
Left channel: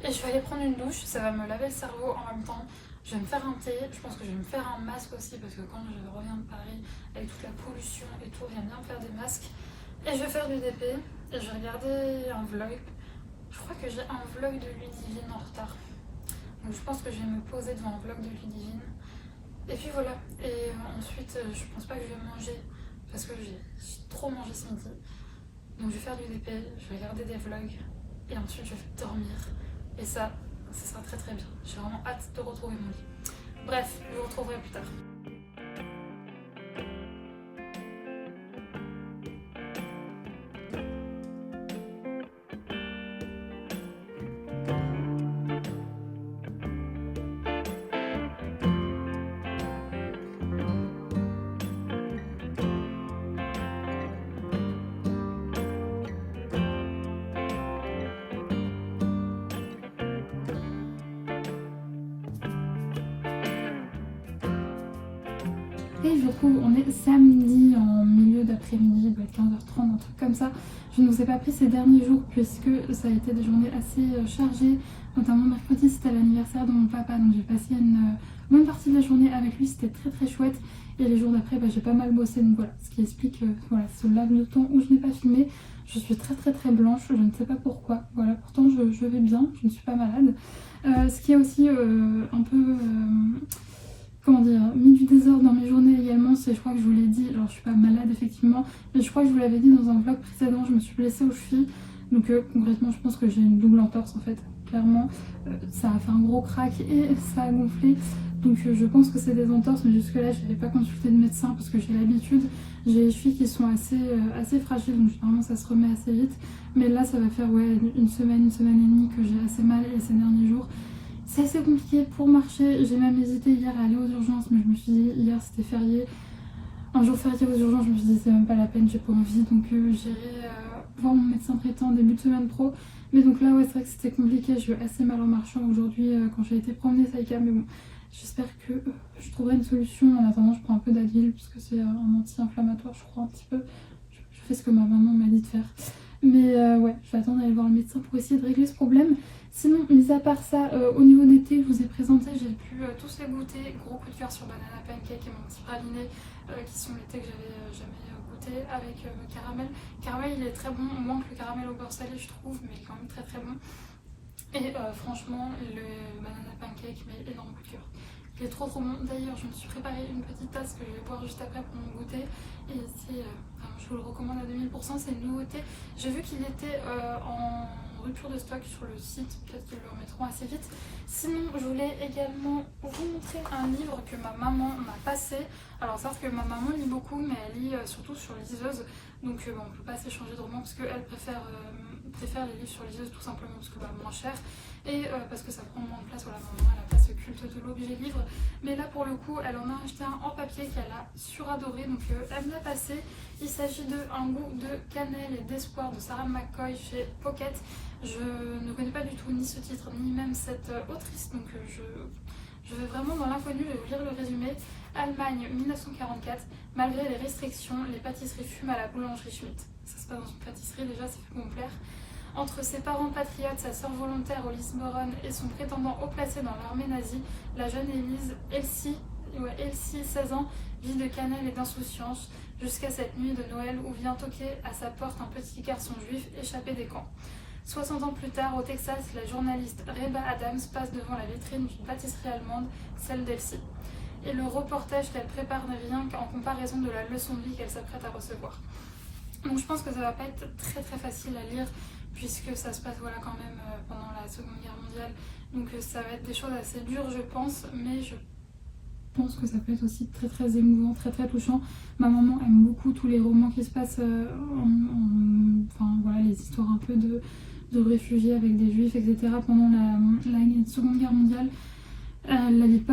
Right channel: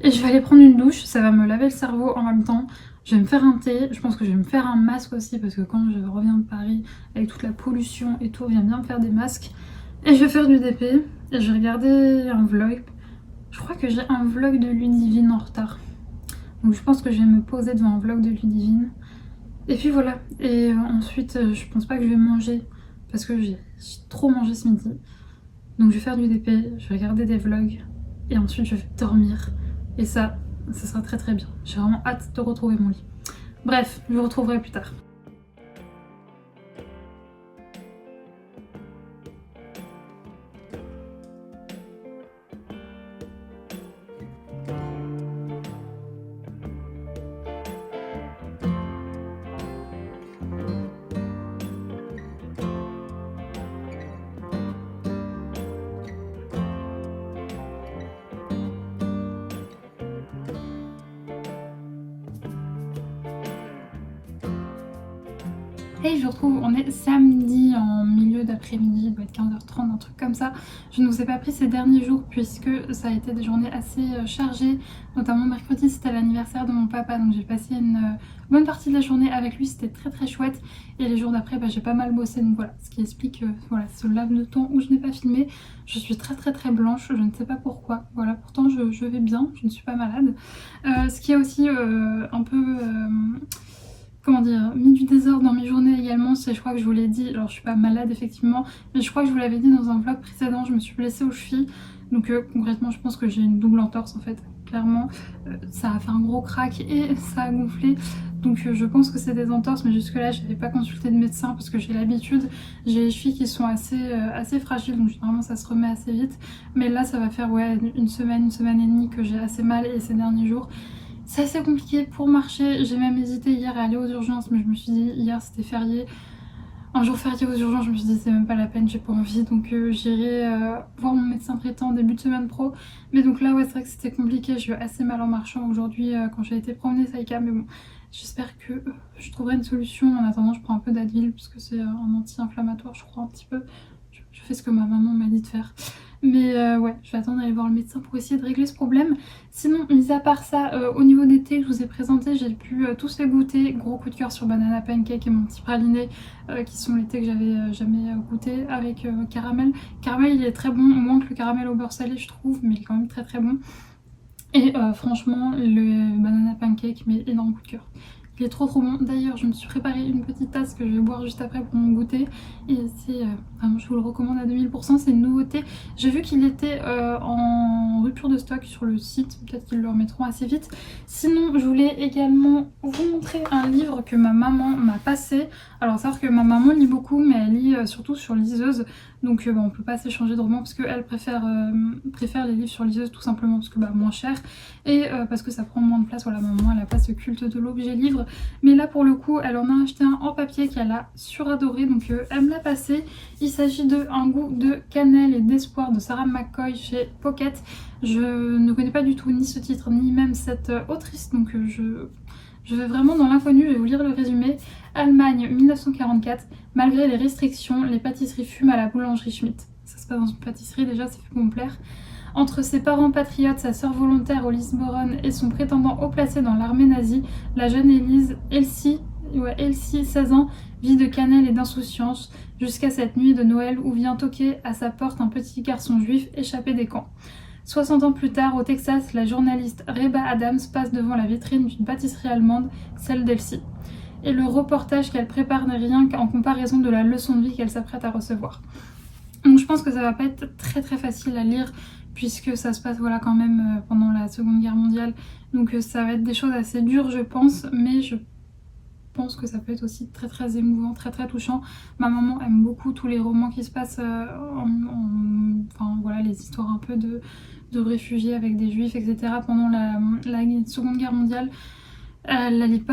Et je vais aller prendre une douche, ça va me laver le cerveau en même temps. Je vais me faire un thé, je pense que je vais me faire un masque aussi parce que quand je reviens de Paris avec toute la pollution et tout, on vient bien me faire des masques. Et je vais faire du DP et je vais regarder un vlog. Je crois que j'ai un vlog de Ludivine en retard. Donc je pense que je vais me poser devant un vlog de Ludivine. Et puis voilà. Et ensuite, je pense pas que je vais manger parce que j'ai trop mangé ce midi. Donc je vais faire du DP, je vais regarder des vlogs et ensuite je vais dormir. Et ça sera très très bien. J'ai vraiment hâte de retrouver mon lit. Bref, je vous retrouverai plus tard. Et je retrouve, on est samedi en milieu d'après-midi, il doit être 15h30, un truc comme ça. Je ne vous ai pas pris ces derniers jours puisque ça a été des journées assez chargées. Notamment mercredi, c'était l'anniversaire de mon papa, donc j'ai passé une bonne partie de la journée avec lui, c'était très très chouette. Et les jours d'après, j'ai pas mal bossé, donc voilà, ce qui explique voilà, ce laps de temps où je n'ai pas filmé. Je suis très très très blanche, je ne sais pas pourquoi. Voilà, pourtant je vais bien, je ne suis pas malade. Ce qui est aussi un peu... comment dire, mis du désordre dans mes journées également, c'est, je crois que je vous l'ai dit, alors je suis pas malade effectivement, mais je crois que je vous l'avais dit dans un vlog précédent, je me suis blessée aux chevilles, donc concrètement je pense que j'ai une double entorse en fait, clairement, ça a fait un gros crack et ça a gonflé, donc je pense que c'est des entorses, mais jusque là je n'avais pas consulté de médecin parce que j'ai l'habitude, j'ai les chevilles qui sont assez fragiles, donc généralement ça se remet assez vite, mais là ça va faire ouais, une semaine et demie que j'ai assez mal et ces derniers jours, c'est assez compliqué pour marcher. J'ai même hésité hier à aller aux urgences, mais je me suis dit, hier c'était férié. Un jour férié aux urgences, je me suis dit, c'est même pas la peine, j'ai pas envie. Donc j'irai voir mon médecin traitant en début de semaine pro. Mais donc là, ouais, c'est vrai que c'était compliqué. J'ai eu assez mal en marchant aujourd'hui quand j'ai été promener Saïka. Mais bon, j'espère que je trouverai une solution. En attendant, je prends un peu d'Advil, parce que c'est un anti-inflammatoire, je crois, un petit peu. Je fais ce que ma maman m'a dit de faire. Mais ouais, je vais attendre d'aller voir le médecin pour essayer de régler ce problème. Sinon, mis à part ça, au niveau des thés que je vous ai présentés, j'ai pu tous les goûter. Gros coup de cœur sur Banana Pancake et mon petit praliné, qui sont les thés que j'avais jamais goûté avec caramel. Caramel, il est très bon, moins que le caramel au beurre salé, je trouve, mais il est quand même très très bon. Et franchement, le Banana Pancake, mais énorme coup de cœur. Il est trop trop bon. D'ailleurs, je me suis préparé une petite tasse que je vais boire juste après pour mon goûter. Et c'est vraiment, je vous le recommande à 2000%. C'est une nouveauté. J'ai vu qu'il était en rupture de stock sur le site. Peut-être qu'ils le remettront assez vite. Sinon, je voulais également vous montrer un livre que ma maman m'a passé. Alors, savoir que ma maman lit beaucoup, mais elle lit surtout sur liseuse. Donc on peut pas s'échanger de romans parce qu'elle préfère les livres sur liseuse tout simplement parce que moins cher et parce que ça prend moins de place. Voilà, maman elle a pas ce culte de l'objet livre, mais là pour le coup elle en a acheté un en papier qu'elle a suradoré, donc elle me l'a passé. Il s'agit de Un goût de cannelle et d'espoir de Sarah McCoy chez Pocket. Je ne connais pas du tout ni ce titre ni même cette autrice, donc je vais vraiment dans l'inconnu, je vais vous lire le résumé. Allemagne 1944, malgré les restrictions, les pâtisseries fument à la boulangerie Schmitt. Ça se passe dans une pâtisserie, déjà ça fait pour me plaire. Entre ses parents patriotes, sa sœur volontaire au Lisboron et son prétendant haut placé dans l'armée nazie, la jeune Elsie, 16 ans, vit de cannelle et d'insouciance, jusqu'à cette nuit de Noël où vient toquer à sa porte un petit garçon juif échappé des camps. 60 ans plus tard, au Texas, la journaliste Reba Adams passe devant la vitrine d'une pâtisserie allemande, celle d'Elsie. Et le reportage qu'elle prépare n'est rien qu'en comparaison de la leçon de vie qu'elle s'apprête à recevoir. Donc je pense que ça va pas être très très facile à lire puisque ça se passe voilà quand même pendant la Seconde Guerre mondiale. Donc ça va être des choses assez dures je pense, mais je pense que ça peut être aussi très très émouvant, très très touchant. Ma maman aime beaucoup tous les romans qui se passent enfin voilà, les histoires un peu de réfugiés avec des juifs, etc. pendant la Seconde Guerre mondiale. Elle a lu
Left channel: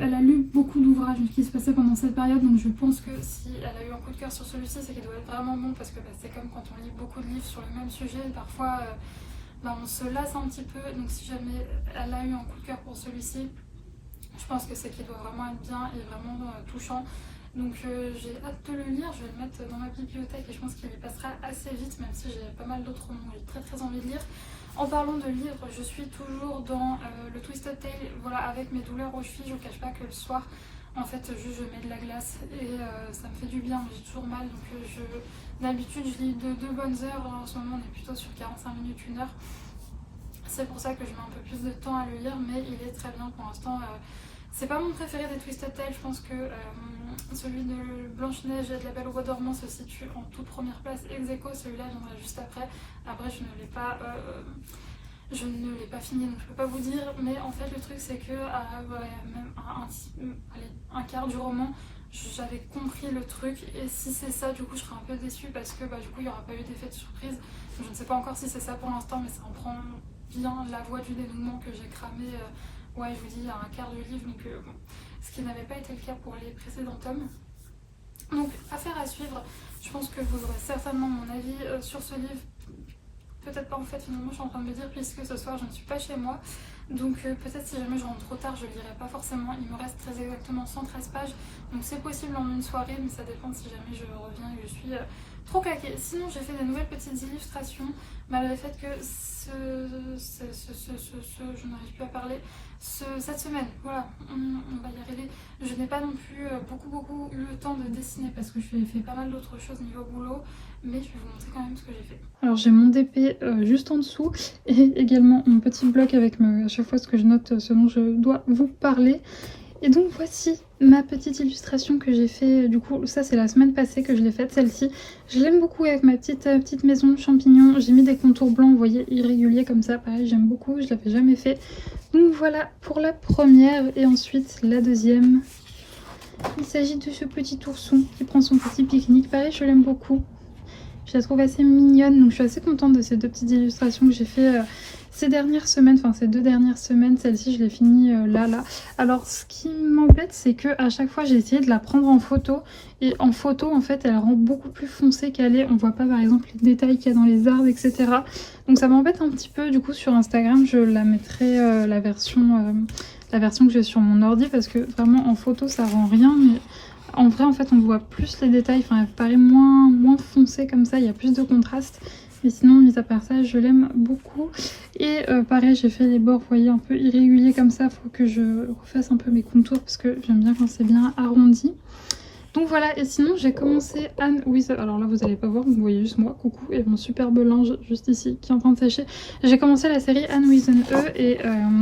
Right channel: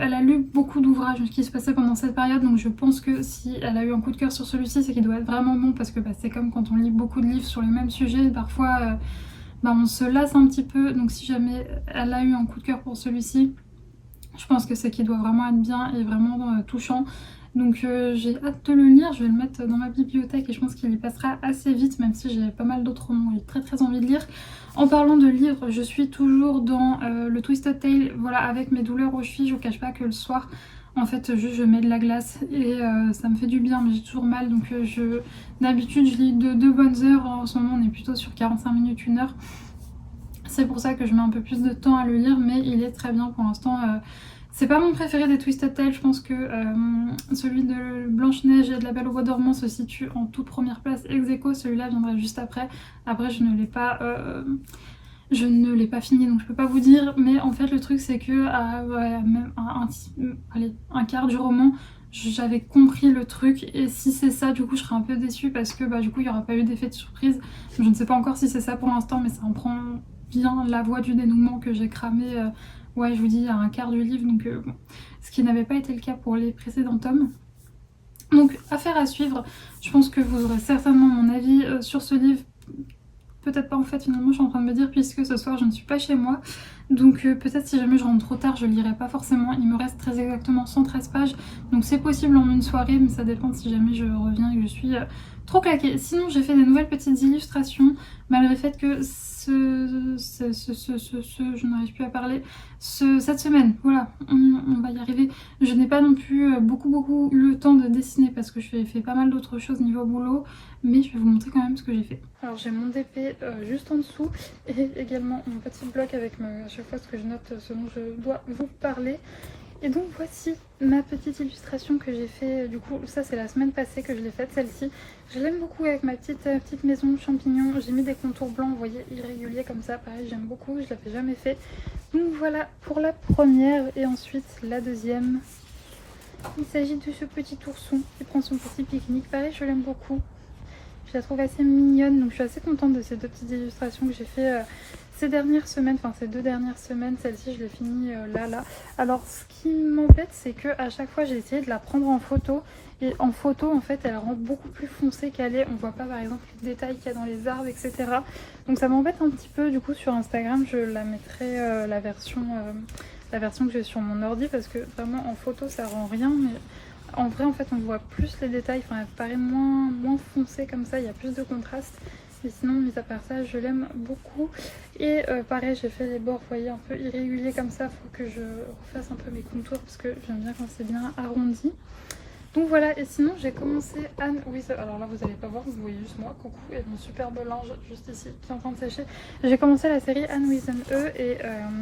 elle a lu beaucoup d'ouvrages qui se passaient pendant cette période, donc je pense que si elle a eu un coup de cœur sur celui-ci, c'est qu'il doit être vraiment bon, parce que c'est comme quand on lit beaucoup de livres sur le même sujet, parfois on se lasse un petit peu, donc si jamais elle a eu un coup de cœur pour celui-ci, je pense que c'est qu'il doit vraiment être bien et vraiment touchant. Donc j'ai hâte de le lire, je vais le mettre dans ma bibliothèque et je pense qu'il y passera assez vite, même si j'ai pas mal d'autres romans que j'ai très très envie de lire. En parlant de livres, je suis toujours dans le Twisted Tale, voilà, avec mes douleurs aux chevilles. Je vous cache pas que le soir, en fait, juste je mets de la glace et ça me fait du bien, mais j'ai toujours mal. Donc d'habitude, je lis de 2 bonnes heures. En ce moment, on est plutôt sur 45 minutes, 1 heure. C'est pour ça que je mets un peu plus de temps à le lire, mais il est très bien pour l'instant. C'est pas mon préféré des Twisted Tales, je pense que celui de Blanche-Neige et de La Belle au Bois dormant se situe en toute première place ex aequo, celui-là viendra juste après. Après je ne l'ai pas fini, donc je peux pas vous dire, mais en fait le truc c'est que même un quart du roman, j'avais compris le truc, et si c'est ça, du coup je serais un peu déçue parce que du coup il n'y aura pas eu d'effet de surprise. Je ne sais pas encore si c'est ça pour l'instant, mais ça en prend bien la voie du dénouement que j'ai cramé. Ouais, je vous dis, à un quart du livre, donc bon. Ce qui n'avait pas été le cas pour les précédents tomes. Donc, affaire à suivre. Je pense que vous aurez certainement mon avis sur ce livre. Peut-être pas en fait, finalement, je suis en train de me dire, puisque ce soir je ne suis pas chez moi. Donc peut-être si jamais je rentre trop tard, je lirai pas forcément. Il me reste très exactement 113 pages. Donc c'est possible en une soirée, mais ça dépend si jamais je reviens et que je suis trop claquée. Sinon, j'ai fait des nouvelles petites illustrations, malgré le fait que je n'arrive plus à parler, cette semaine, voilà, on va y arriver. Je n'ai pas non plus beaucoup eu le temps de dessiner parce que je fais pas mal d'autres choses niveau boulot, mais je vais vous montrer quand même ce que j'ai fait. Alors j'ai mon DP juste en dessous et également mon petit bloc avec à chaque fois ce que je note, ce dont je dois vous parler. Et donc voici ma petite illustration que j'ai fait, du coup ça c'est la semaine passée que je l'ai faite, celle-ci. Je l'aime beaucoup avec ma petite maison champignons. J'ai mis des contours blancs, vous voyez, irréguliers comme ça, pareil j'aime beaucoup, je l'avais jamais fait. Donc voilà pour la première, et ensuite la deuxième. Il s'agit de ce petit ourson qui prend son petit pique-nique, pareil je l'aime beaucoup. Je la trouve assez mignonne, donc je suis assez contente de ces deux petites illustrations que j'ai fait ces dernières semaines, enfin ces 2 dernières semaines. Celle-ci je l'ai finie là. Alors ce qui m'embête, c'est que à chaque fois j'ai essayé de la prendre en photo, et en photo en fait elle rend beaucoup plus foncée qu'elle est. On voit pas par exemple les détails qu'il y a dans les arbres, etc. Donc ça m'embête un petit peu. Du coup sur Instagram je la mettrai la version que j'ai sur mon ordi, parce que vraiment en photo ça rend rien, mais en vrai en fait on voit plus les détails, enfin elle paraît moins foncée comme ça, il y a plus de contraste. Mais sinon, mis à part ça, je l'aime beaucoup. Et pareil, j'ai fait les bords, vous voyez, un peu irréguliers comme ça. Il faut que je refasse un peu mes contours parce que j'aime bien quand c'est bien arrondi. Donc voilà, et sinon j'ai commencé Anne with... Alors là vous allez pas voir, vous voyez juste moi, coucou, et mon superbe linge juste ici qui est en train de sécher. J'ai commencé la série Anne with an E, et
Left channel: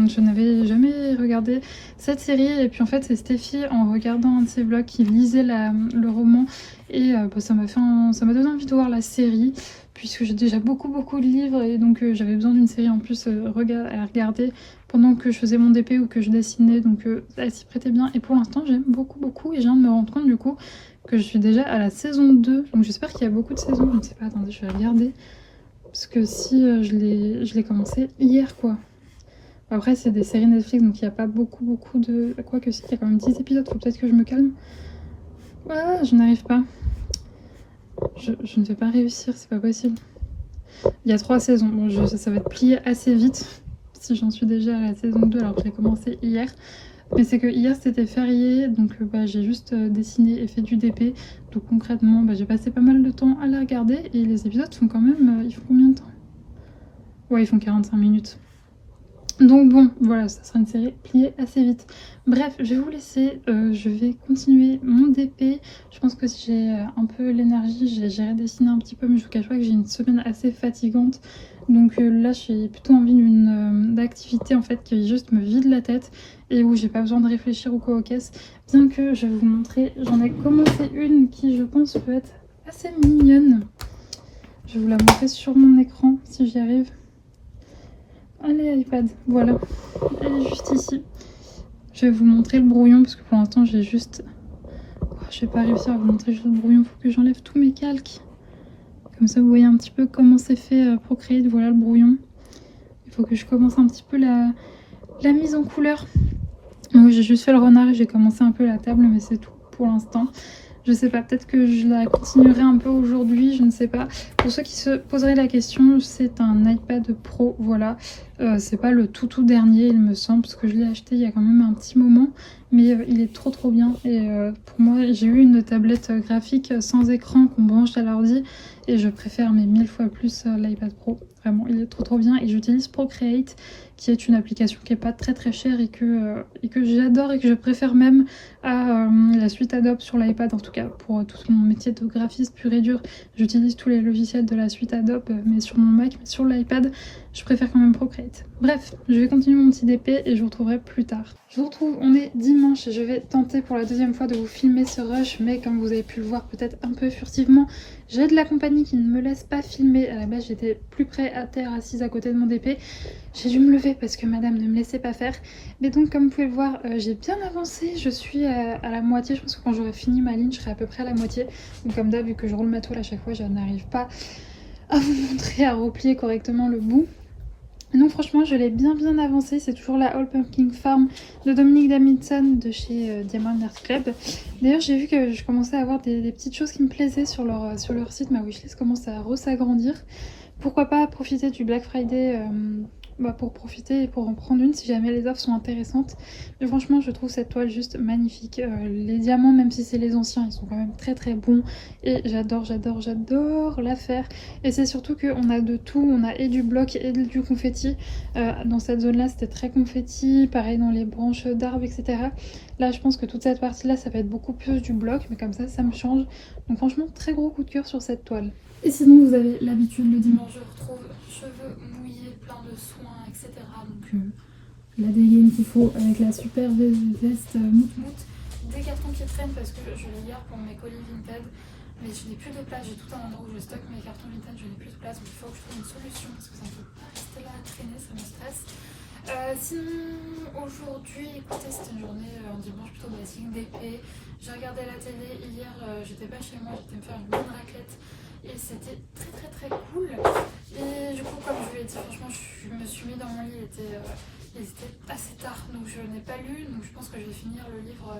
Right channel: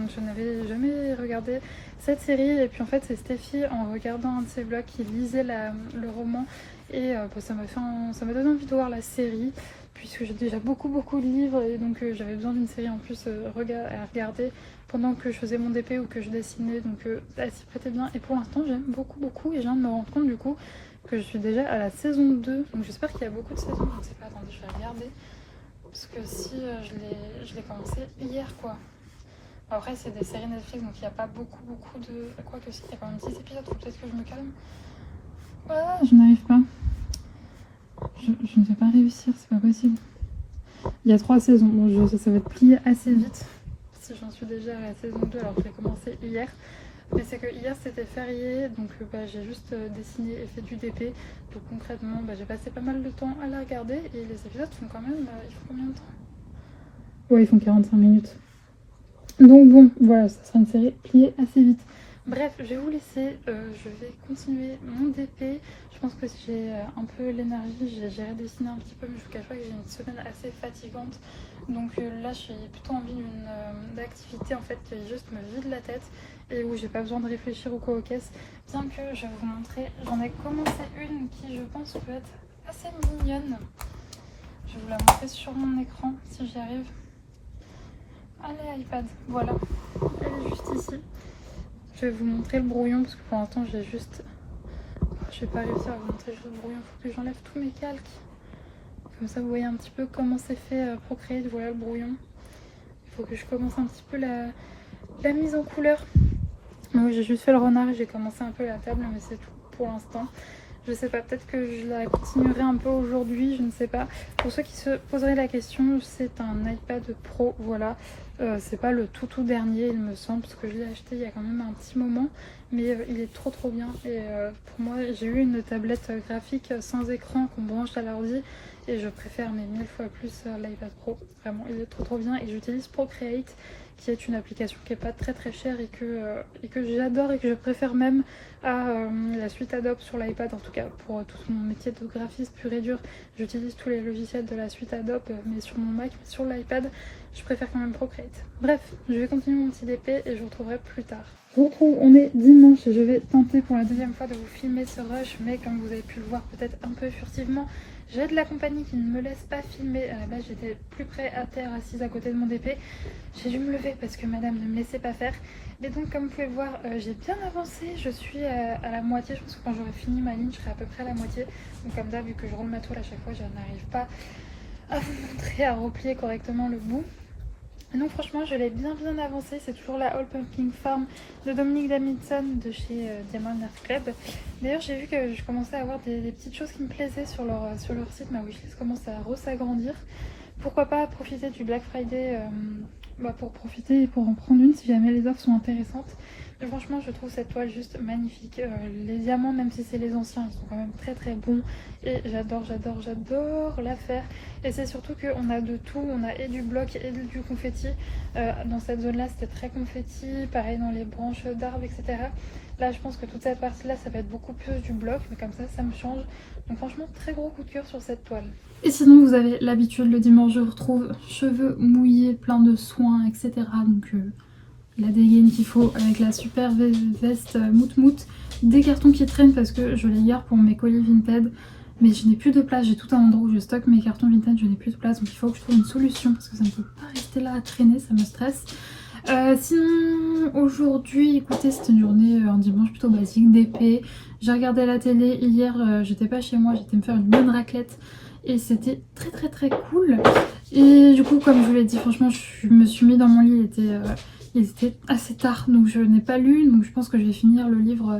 je n'avais jamais regardé cette série. Et puis en fait c'est Stéphie, en regardant un de ses vlogs, qui lisait le roman. Et ça m'a donné envie de voir la série, puisque j'ai déjà beaucoup de livres, et donc j'avais besoin d'une série en plus à regarder pendant que je faisais mon DP ou que je dessinais, donc elle s'y prêtait bien. Et pour l'instant j'aime beaucoup, et je viens de me rendre compte du coup que je suis déjà à la saison 2, donc j'espère qu'il y a beaucoup de saisons, je ne sais pas, attendez je vais regarder, parce que si je l'ai commencé hier quoi. Après c'est des séries Netflix, donc il n'y a pas beaucoup de... Quoique si, il y a quand même 10 épisodes, faut peut-être que je me calme. Voilà, je n'arrive pas. Je ne vais pas réussir, c'est pas possible. Il y a 3 saisons, bon, ça va être plié assez vite si j'en suis déjà à la saison 2 alors que j'ai commencé hier. Mais c'est que hier c'était férié, donc j'ai juste dessiné et fait du DP. Donc concrètement j'ai passé pas mal de temps à la regarder, et les épisodes font quand même... ils font combien de temps? Ouais, ils font 45 minutes. Donc bon, voilà, ça sera une série pliée assez vite. Bref, je vais vous laisser, je vais continuer mon DP. Je pense que j'ai un peu l'énergie, j'ai redessiné un petit peu, mais je vous cache pas que j'ai une semaine assez fatigante. Donc là, j'ai plutôt envie d'activité en fait qui juste me vide la tête et où j'ai pas besoin de réfléchir ou quoi aux caisses. Bien que je vais vous montrer, j'en ai commencé une qui je pense peut être assez mignonne. Je vais vous la montrer sur mon écran si j'y arrive. Allez iPad, voilà, elle est juste ici. Je vais vous montrer le brouillon parce que pour l'instant j'ai juste... Je vais pas réussir à vous montrer juste le brouillon, il faut que j'enlève tous mes calques. Comme ça vous voyez un petit peu comment c'est fait Procreate, voilà le brouillon. Il faut que je commence un petit peu la mise en couleur. Donc j'ai juste fait le renard et j'ai commencé un peu la table, mais c'est tout pour l'instant. Je sais pas, peut-être que je la continuerai un peu aujourd'hui, je ne sais pas. Pour ceux qui se poseraient la question, c'est un iPad Pro, voilà. C'est pas le tout dernier, il me semble, parce que je l'ai acheté il y a quand même un petit moment. Mais il est trop bien. Et pour moi, j'ai eu une tablette graphique sans écran qu'on branche à l'ordi. Et je préfère mais 1000 fois plus l'iPad Pro. Vraiment, il est trop bien. Et j'utilise Procreate, qui est une application qui est pas très chère et que j'adore et que je préfère même à la suite Adobe sur l'iPad, en tout cas pour tout mon métier de graphiste pur et dur. J'utilise tous les logiciels de la suite Adobe, mais sur mon Mac, mais sur l'iPad, je préfère quand même Procreate. Bref, je vais continuer mon petit DP et je vous retrouverai plus tard. Je vous retrouve, on est dimanche et je vais tenter pour la deuxième fois de vous filmer ce rush, mais comme vous avez pu le voir peut-être un peu furtivement, j'ai de la compagnie qui ne me laisse pas filmer. À la base, j'étais plus près à terre, assise à côté de mon DP. J'ai dû me lever parce que madame ne me laissait pas faire. Mais donc, comme vous pouvez le voir, j'ai bien avancé. Je suis à la moitié. Je pense que quand j'aurai fini ma ligne, je serai à peu près à la moitié. Donc, comme d'hab, vu que je roule ma toile à chaque fois, je n'arrive pas à vous montrer, à replier correctement le bout. Non, franchement, je l'ai bien avancé. C'est toujours la All Pumpkin Farm de Dominique Davidson de chez Diamond Art Club. D'ailleurs, j'ai vu que je commençais à avoir des petites choses qui me plaisaient sur leur site. Ma wishlist commence à s'agrandir. Pourquoi pas profiter du Black Friday pour profiter et pour en prendre une si jamais les offres sont intéressantes. Mais franchement, je trouve cette toile juste magnifique. Les diamants, même si c'est les anciens, ils sont quand même très bons. Et j'adore la faire. Et c'est surtout qu'on a de tout. On a et du bloc et du confetti. Dans cette zone-là, c'était très confetti. Pareil dans les branches d'arbres, etc. Là, je pense que toute cette partie-là, ça va être beaucoup plus du bloc. Mais comme ça me change. Donc franchement, très gros coup de cœur sur cette toile. Et sinon, vous avez l'habitude, le dimanche, je retrouve cheveux mouillés, plein de soins, etc. Donc la dégaine qu'il faut avec la super veste mout, des cartons qui traînent parce que je les garde pour mes colis Vinted. Mais je n'ai plus de place, j'ai tout un endroit où je stocke mes cartons Vinted, je n'ai plus de place. Donc il faut que je trouve une solution parce que ça ne peut pas rester là à traîner, ça me stresse. Sinon, aujourd'hui, écoutez, c'était une journée, un dimanche plutôt basique, d'épée. J'ai regardé la télé hier, j'étais pas chez moi, j'étais me faire une bonne raclette. Et c'était très cool. Et du coup, comme je vous l'ai dit, franchement, je me suis mis dans mon lit, il était assez tard, donc je n'ai pas lu. Donc je pense que je vais finir le livre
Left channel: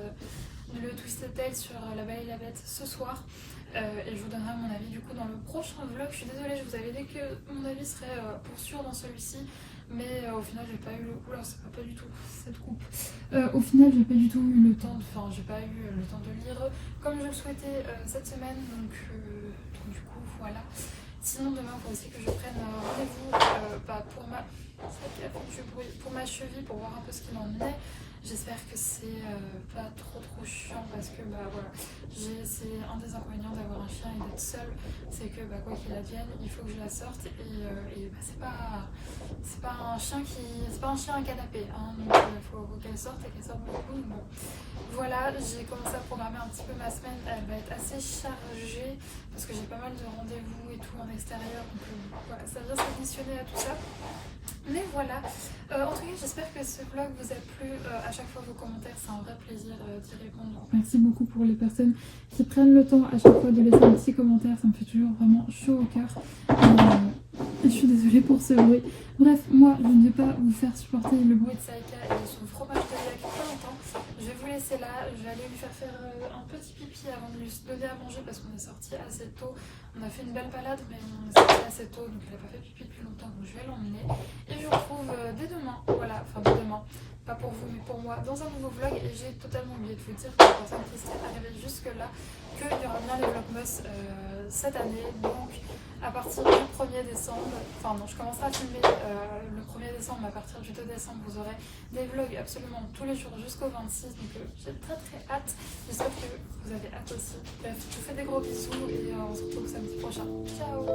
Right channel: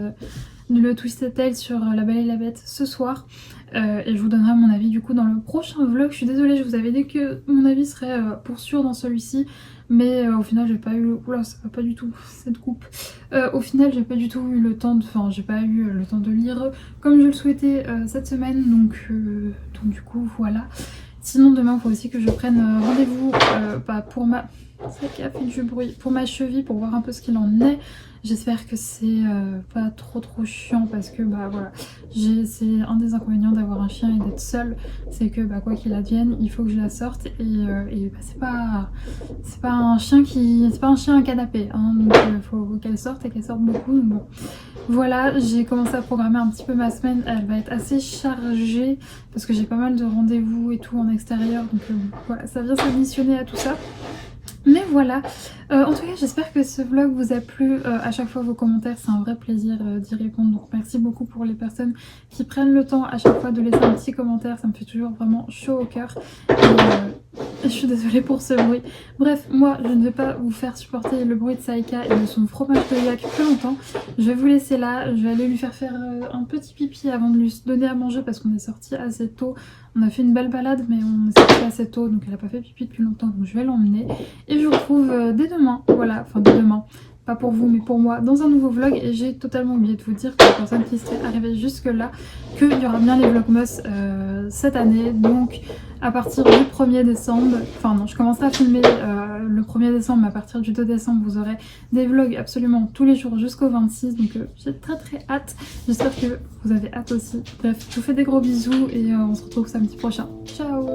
Le Twisted Tale sur La Belle et la Bête ce soir. Et je vous donnerai mon avis du coup dans le prochain vlog. Je suis désolée, je vous avais dit que mon avis serait pour sûr dans celui-ci. Mais au final j'ai pas eu... Oula, ça va pas du tout cette coupe. Au final j'ai pas du tout eu le temps de... Enfin j'ai pas eu le temps de lire comme je le souhaitais cette semaine. Donc du coup voilà. Sinon demain il faut aussi que je prenne rendez-vous pour ma... Ça qui a fait du bruit. Pour ma cheville pour voir un peu ce qu'il en est. J'espère que c'est pas trop chiant parce que voilà, c'est un des inconvénients d'avoir un chien et d'être seule, c'est que quoi qu'il advienne, il faut que je la sorte et c'est pas un chien c'est pas un chien à canapé, hein, donc il faut qu'elle sorte et qu'elle sorte beaucoup. Donc bon, voilà, j'ai commencé à programmer un petit peu ma semaine, elle va être assez chargée parce que j'ai pas mal de rendez-vous et tout en extérieur, donc voilà, ça vient s'additionner à tout ça. Mais voilà, en tout cas j'espère que ce vlog vous a plu. À chaque fois vos commentaires, c'est un vrai plaisir d'y répondre. Donc merci beaucoup pour les personnes qui prennent le temps à chaque fois de laisser un petit commentaire. Ça me fait toujours vraiment chaud au cœur. Et je suis désolée pour ce bruit. Bref, moi je ne vais pas vous faire supporter le bruit de Saïka et de son fromage de yak plus longtemps. Je vais vous laisser là. Je vais aller lui faire un petit pipi avant de lui donner à manger parce qu'on est sorti assez tôt. On a fait une belle balade mais on est sorti assez tôt donc elle n'a pas fait pipi depuis longtemps, donc je vais l'emmener. Et je vous retrouve dès demain, voilà, enfin dès demain, pas pour vous mais pour moi, dans un nouveau vlog. Et j'ai totalement oublié de vous dire, pour les personnes qui seraient arrivées jusque là, qu'il y aura bien les vlogmas cette année. Donc à partir du 1er décembre, enfin non, je commencerai à filmer le 1er décembre, mais à partir du 2 décembre vous aurez des vlogs absolument tous les jours jusqu'au 26. Donc j'ai très hâte, j'espère que vous avez hâte aussi. Bref, je vous fais des gros bisous et on se retrouve samedi prochain. Ciao.